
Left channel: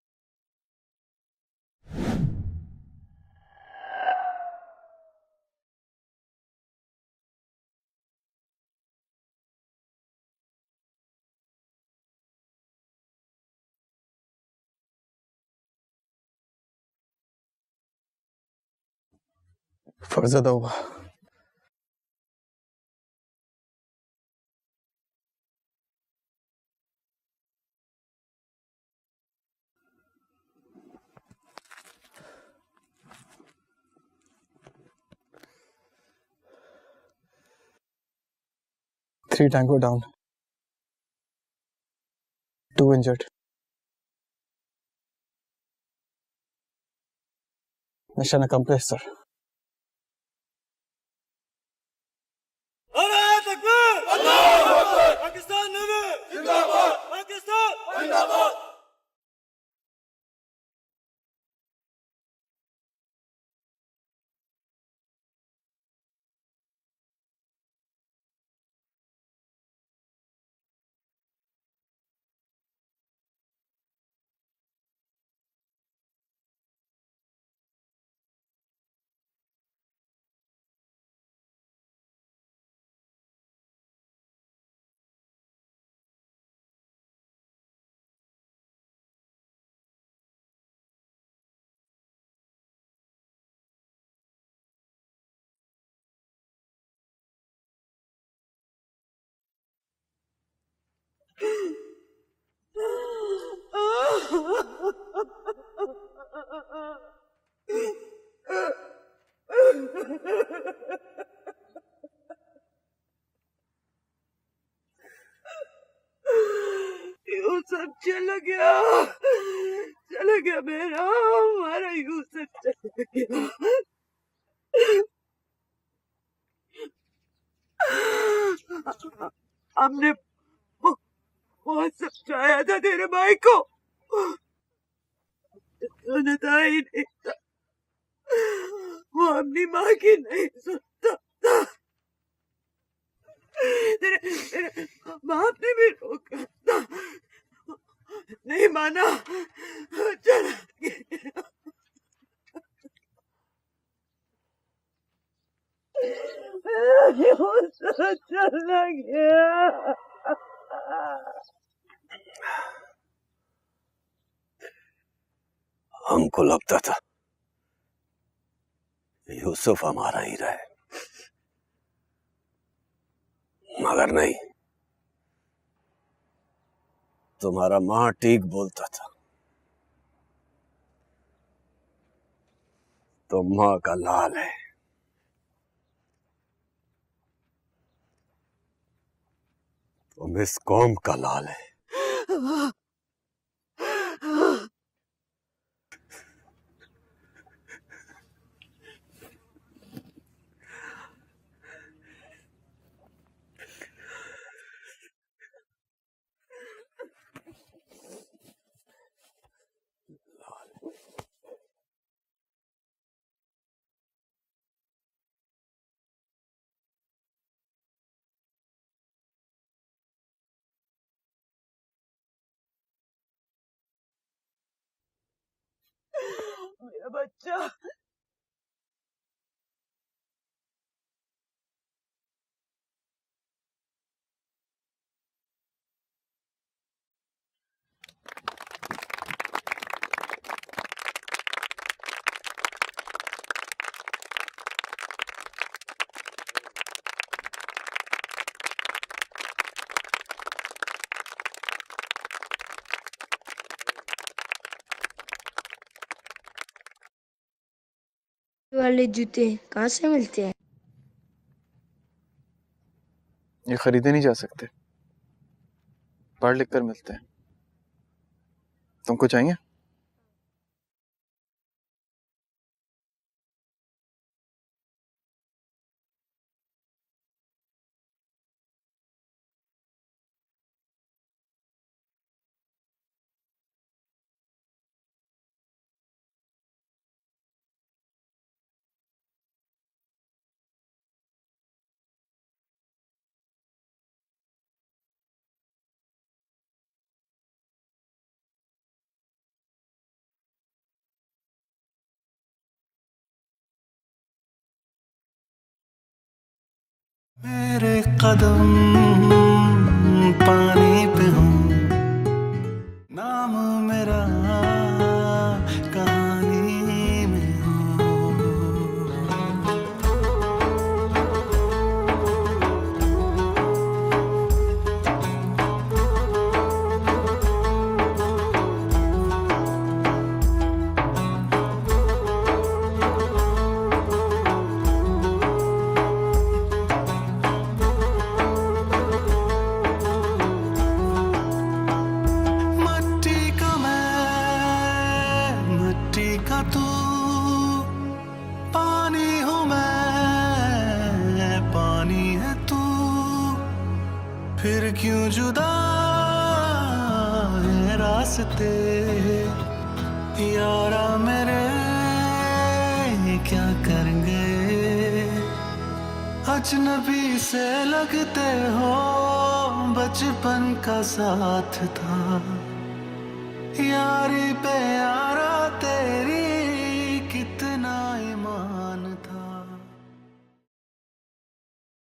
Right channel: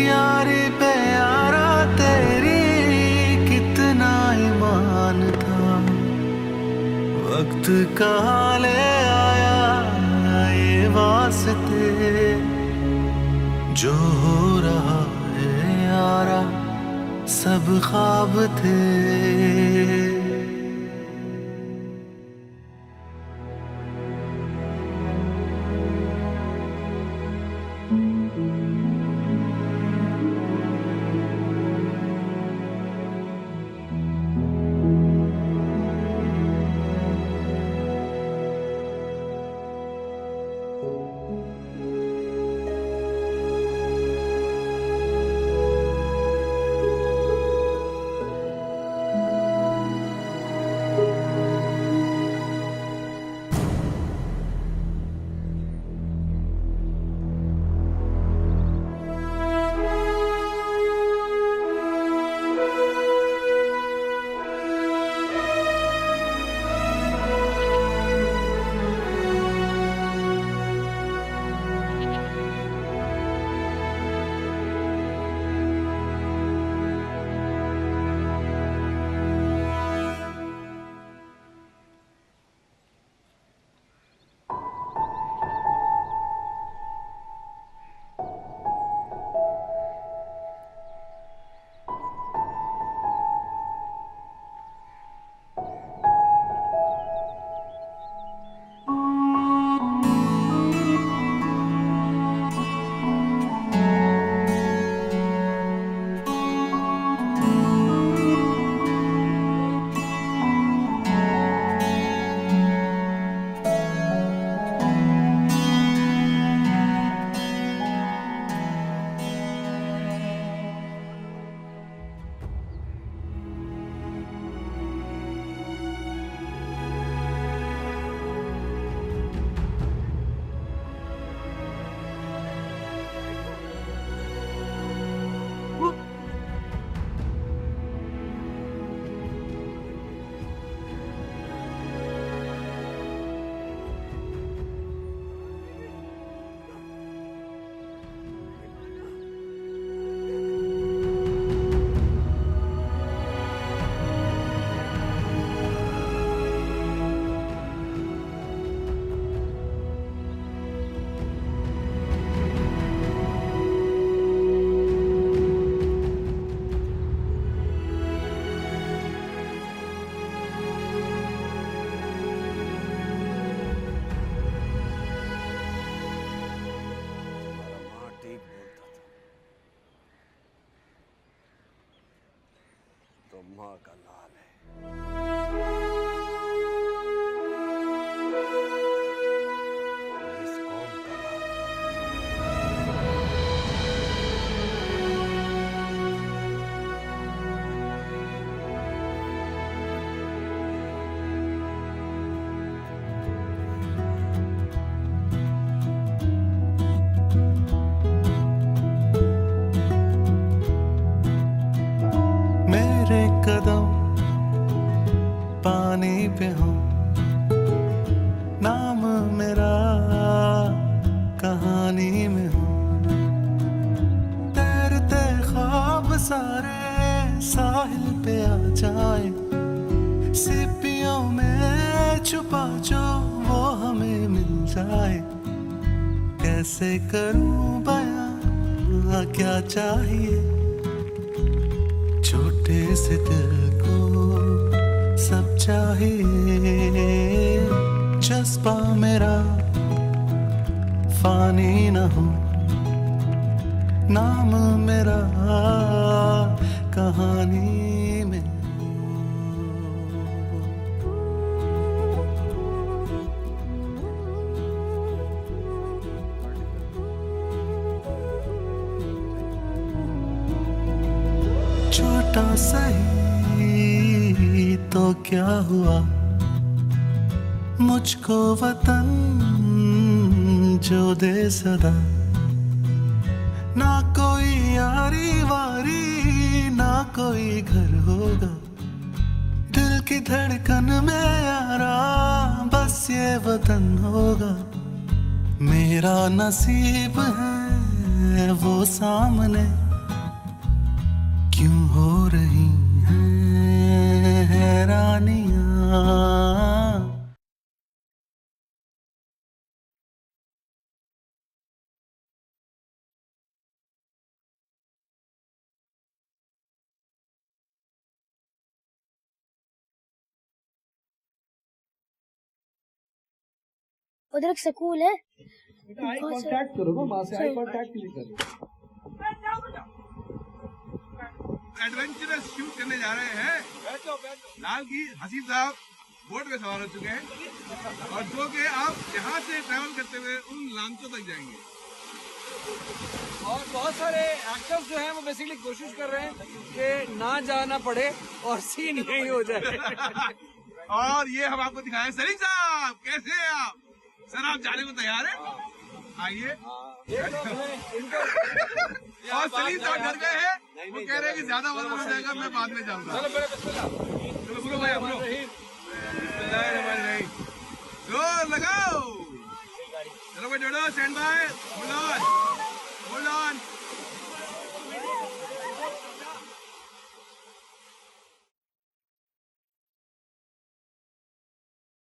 यारी पे यारा तेरी कितना ईमान था। वक्त का ले आया ये वास्ते, जो हो रहा है यारा सब ख्वाब थे। फर्ज होगा। Three Tango down, 2 injured. Mission accomplished, sir. चला गया मेरा हमारा यूसुफ चला गया। हमने बहुत समझाया था तेरे भाई को, वो सुनता ही नहीं था, वो अपनी माँ की नहीं सुनता था। तेरे बाप ने भी रोका था, नहीं माना, चला गया। चला गया। हमको लगता था यूसुफ हमारा ही रहे, मगर नहीं, तुम्हारा माँ ठीक बोलता था। तो माँ का लाल है। तुम इस कौम का लाल है। आए, कैसे करूं बयां क्या चाहिए, छोटे से दिल को सब चाहिए, जज्बा मेरा फानी न हो, नाम मेरा कहानी में। वाले जूते कहाँ से मिलते हैं? ये खरीदे नहीं जा सकते, पढ़ लिख कर मिलते हैं। तुमको चाहिए? छोटा सही तो क्या हुआ, मुझको वतन जो दे सदा, ना कोई यारी वारी ना कोई घर होगा, दिल की धड़कन में यारा बस ये वतन होगा, मेरा नसीब है वो सामने, क्यों हो रही हैं हैरानियां, मेरे कदम पानी पे हो, नाम मेरा कहानी में हो। उधर एक स्कूल है। पानी हूँ मैं, पानी है तू, फिर क्यों जुदा है रास्ते, यारा मेरे ये क्या करेंगे, अजनबी से लगते हो, बचपन का साथ था, यारी पे यारा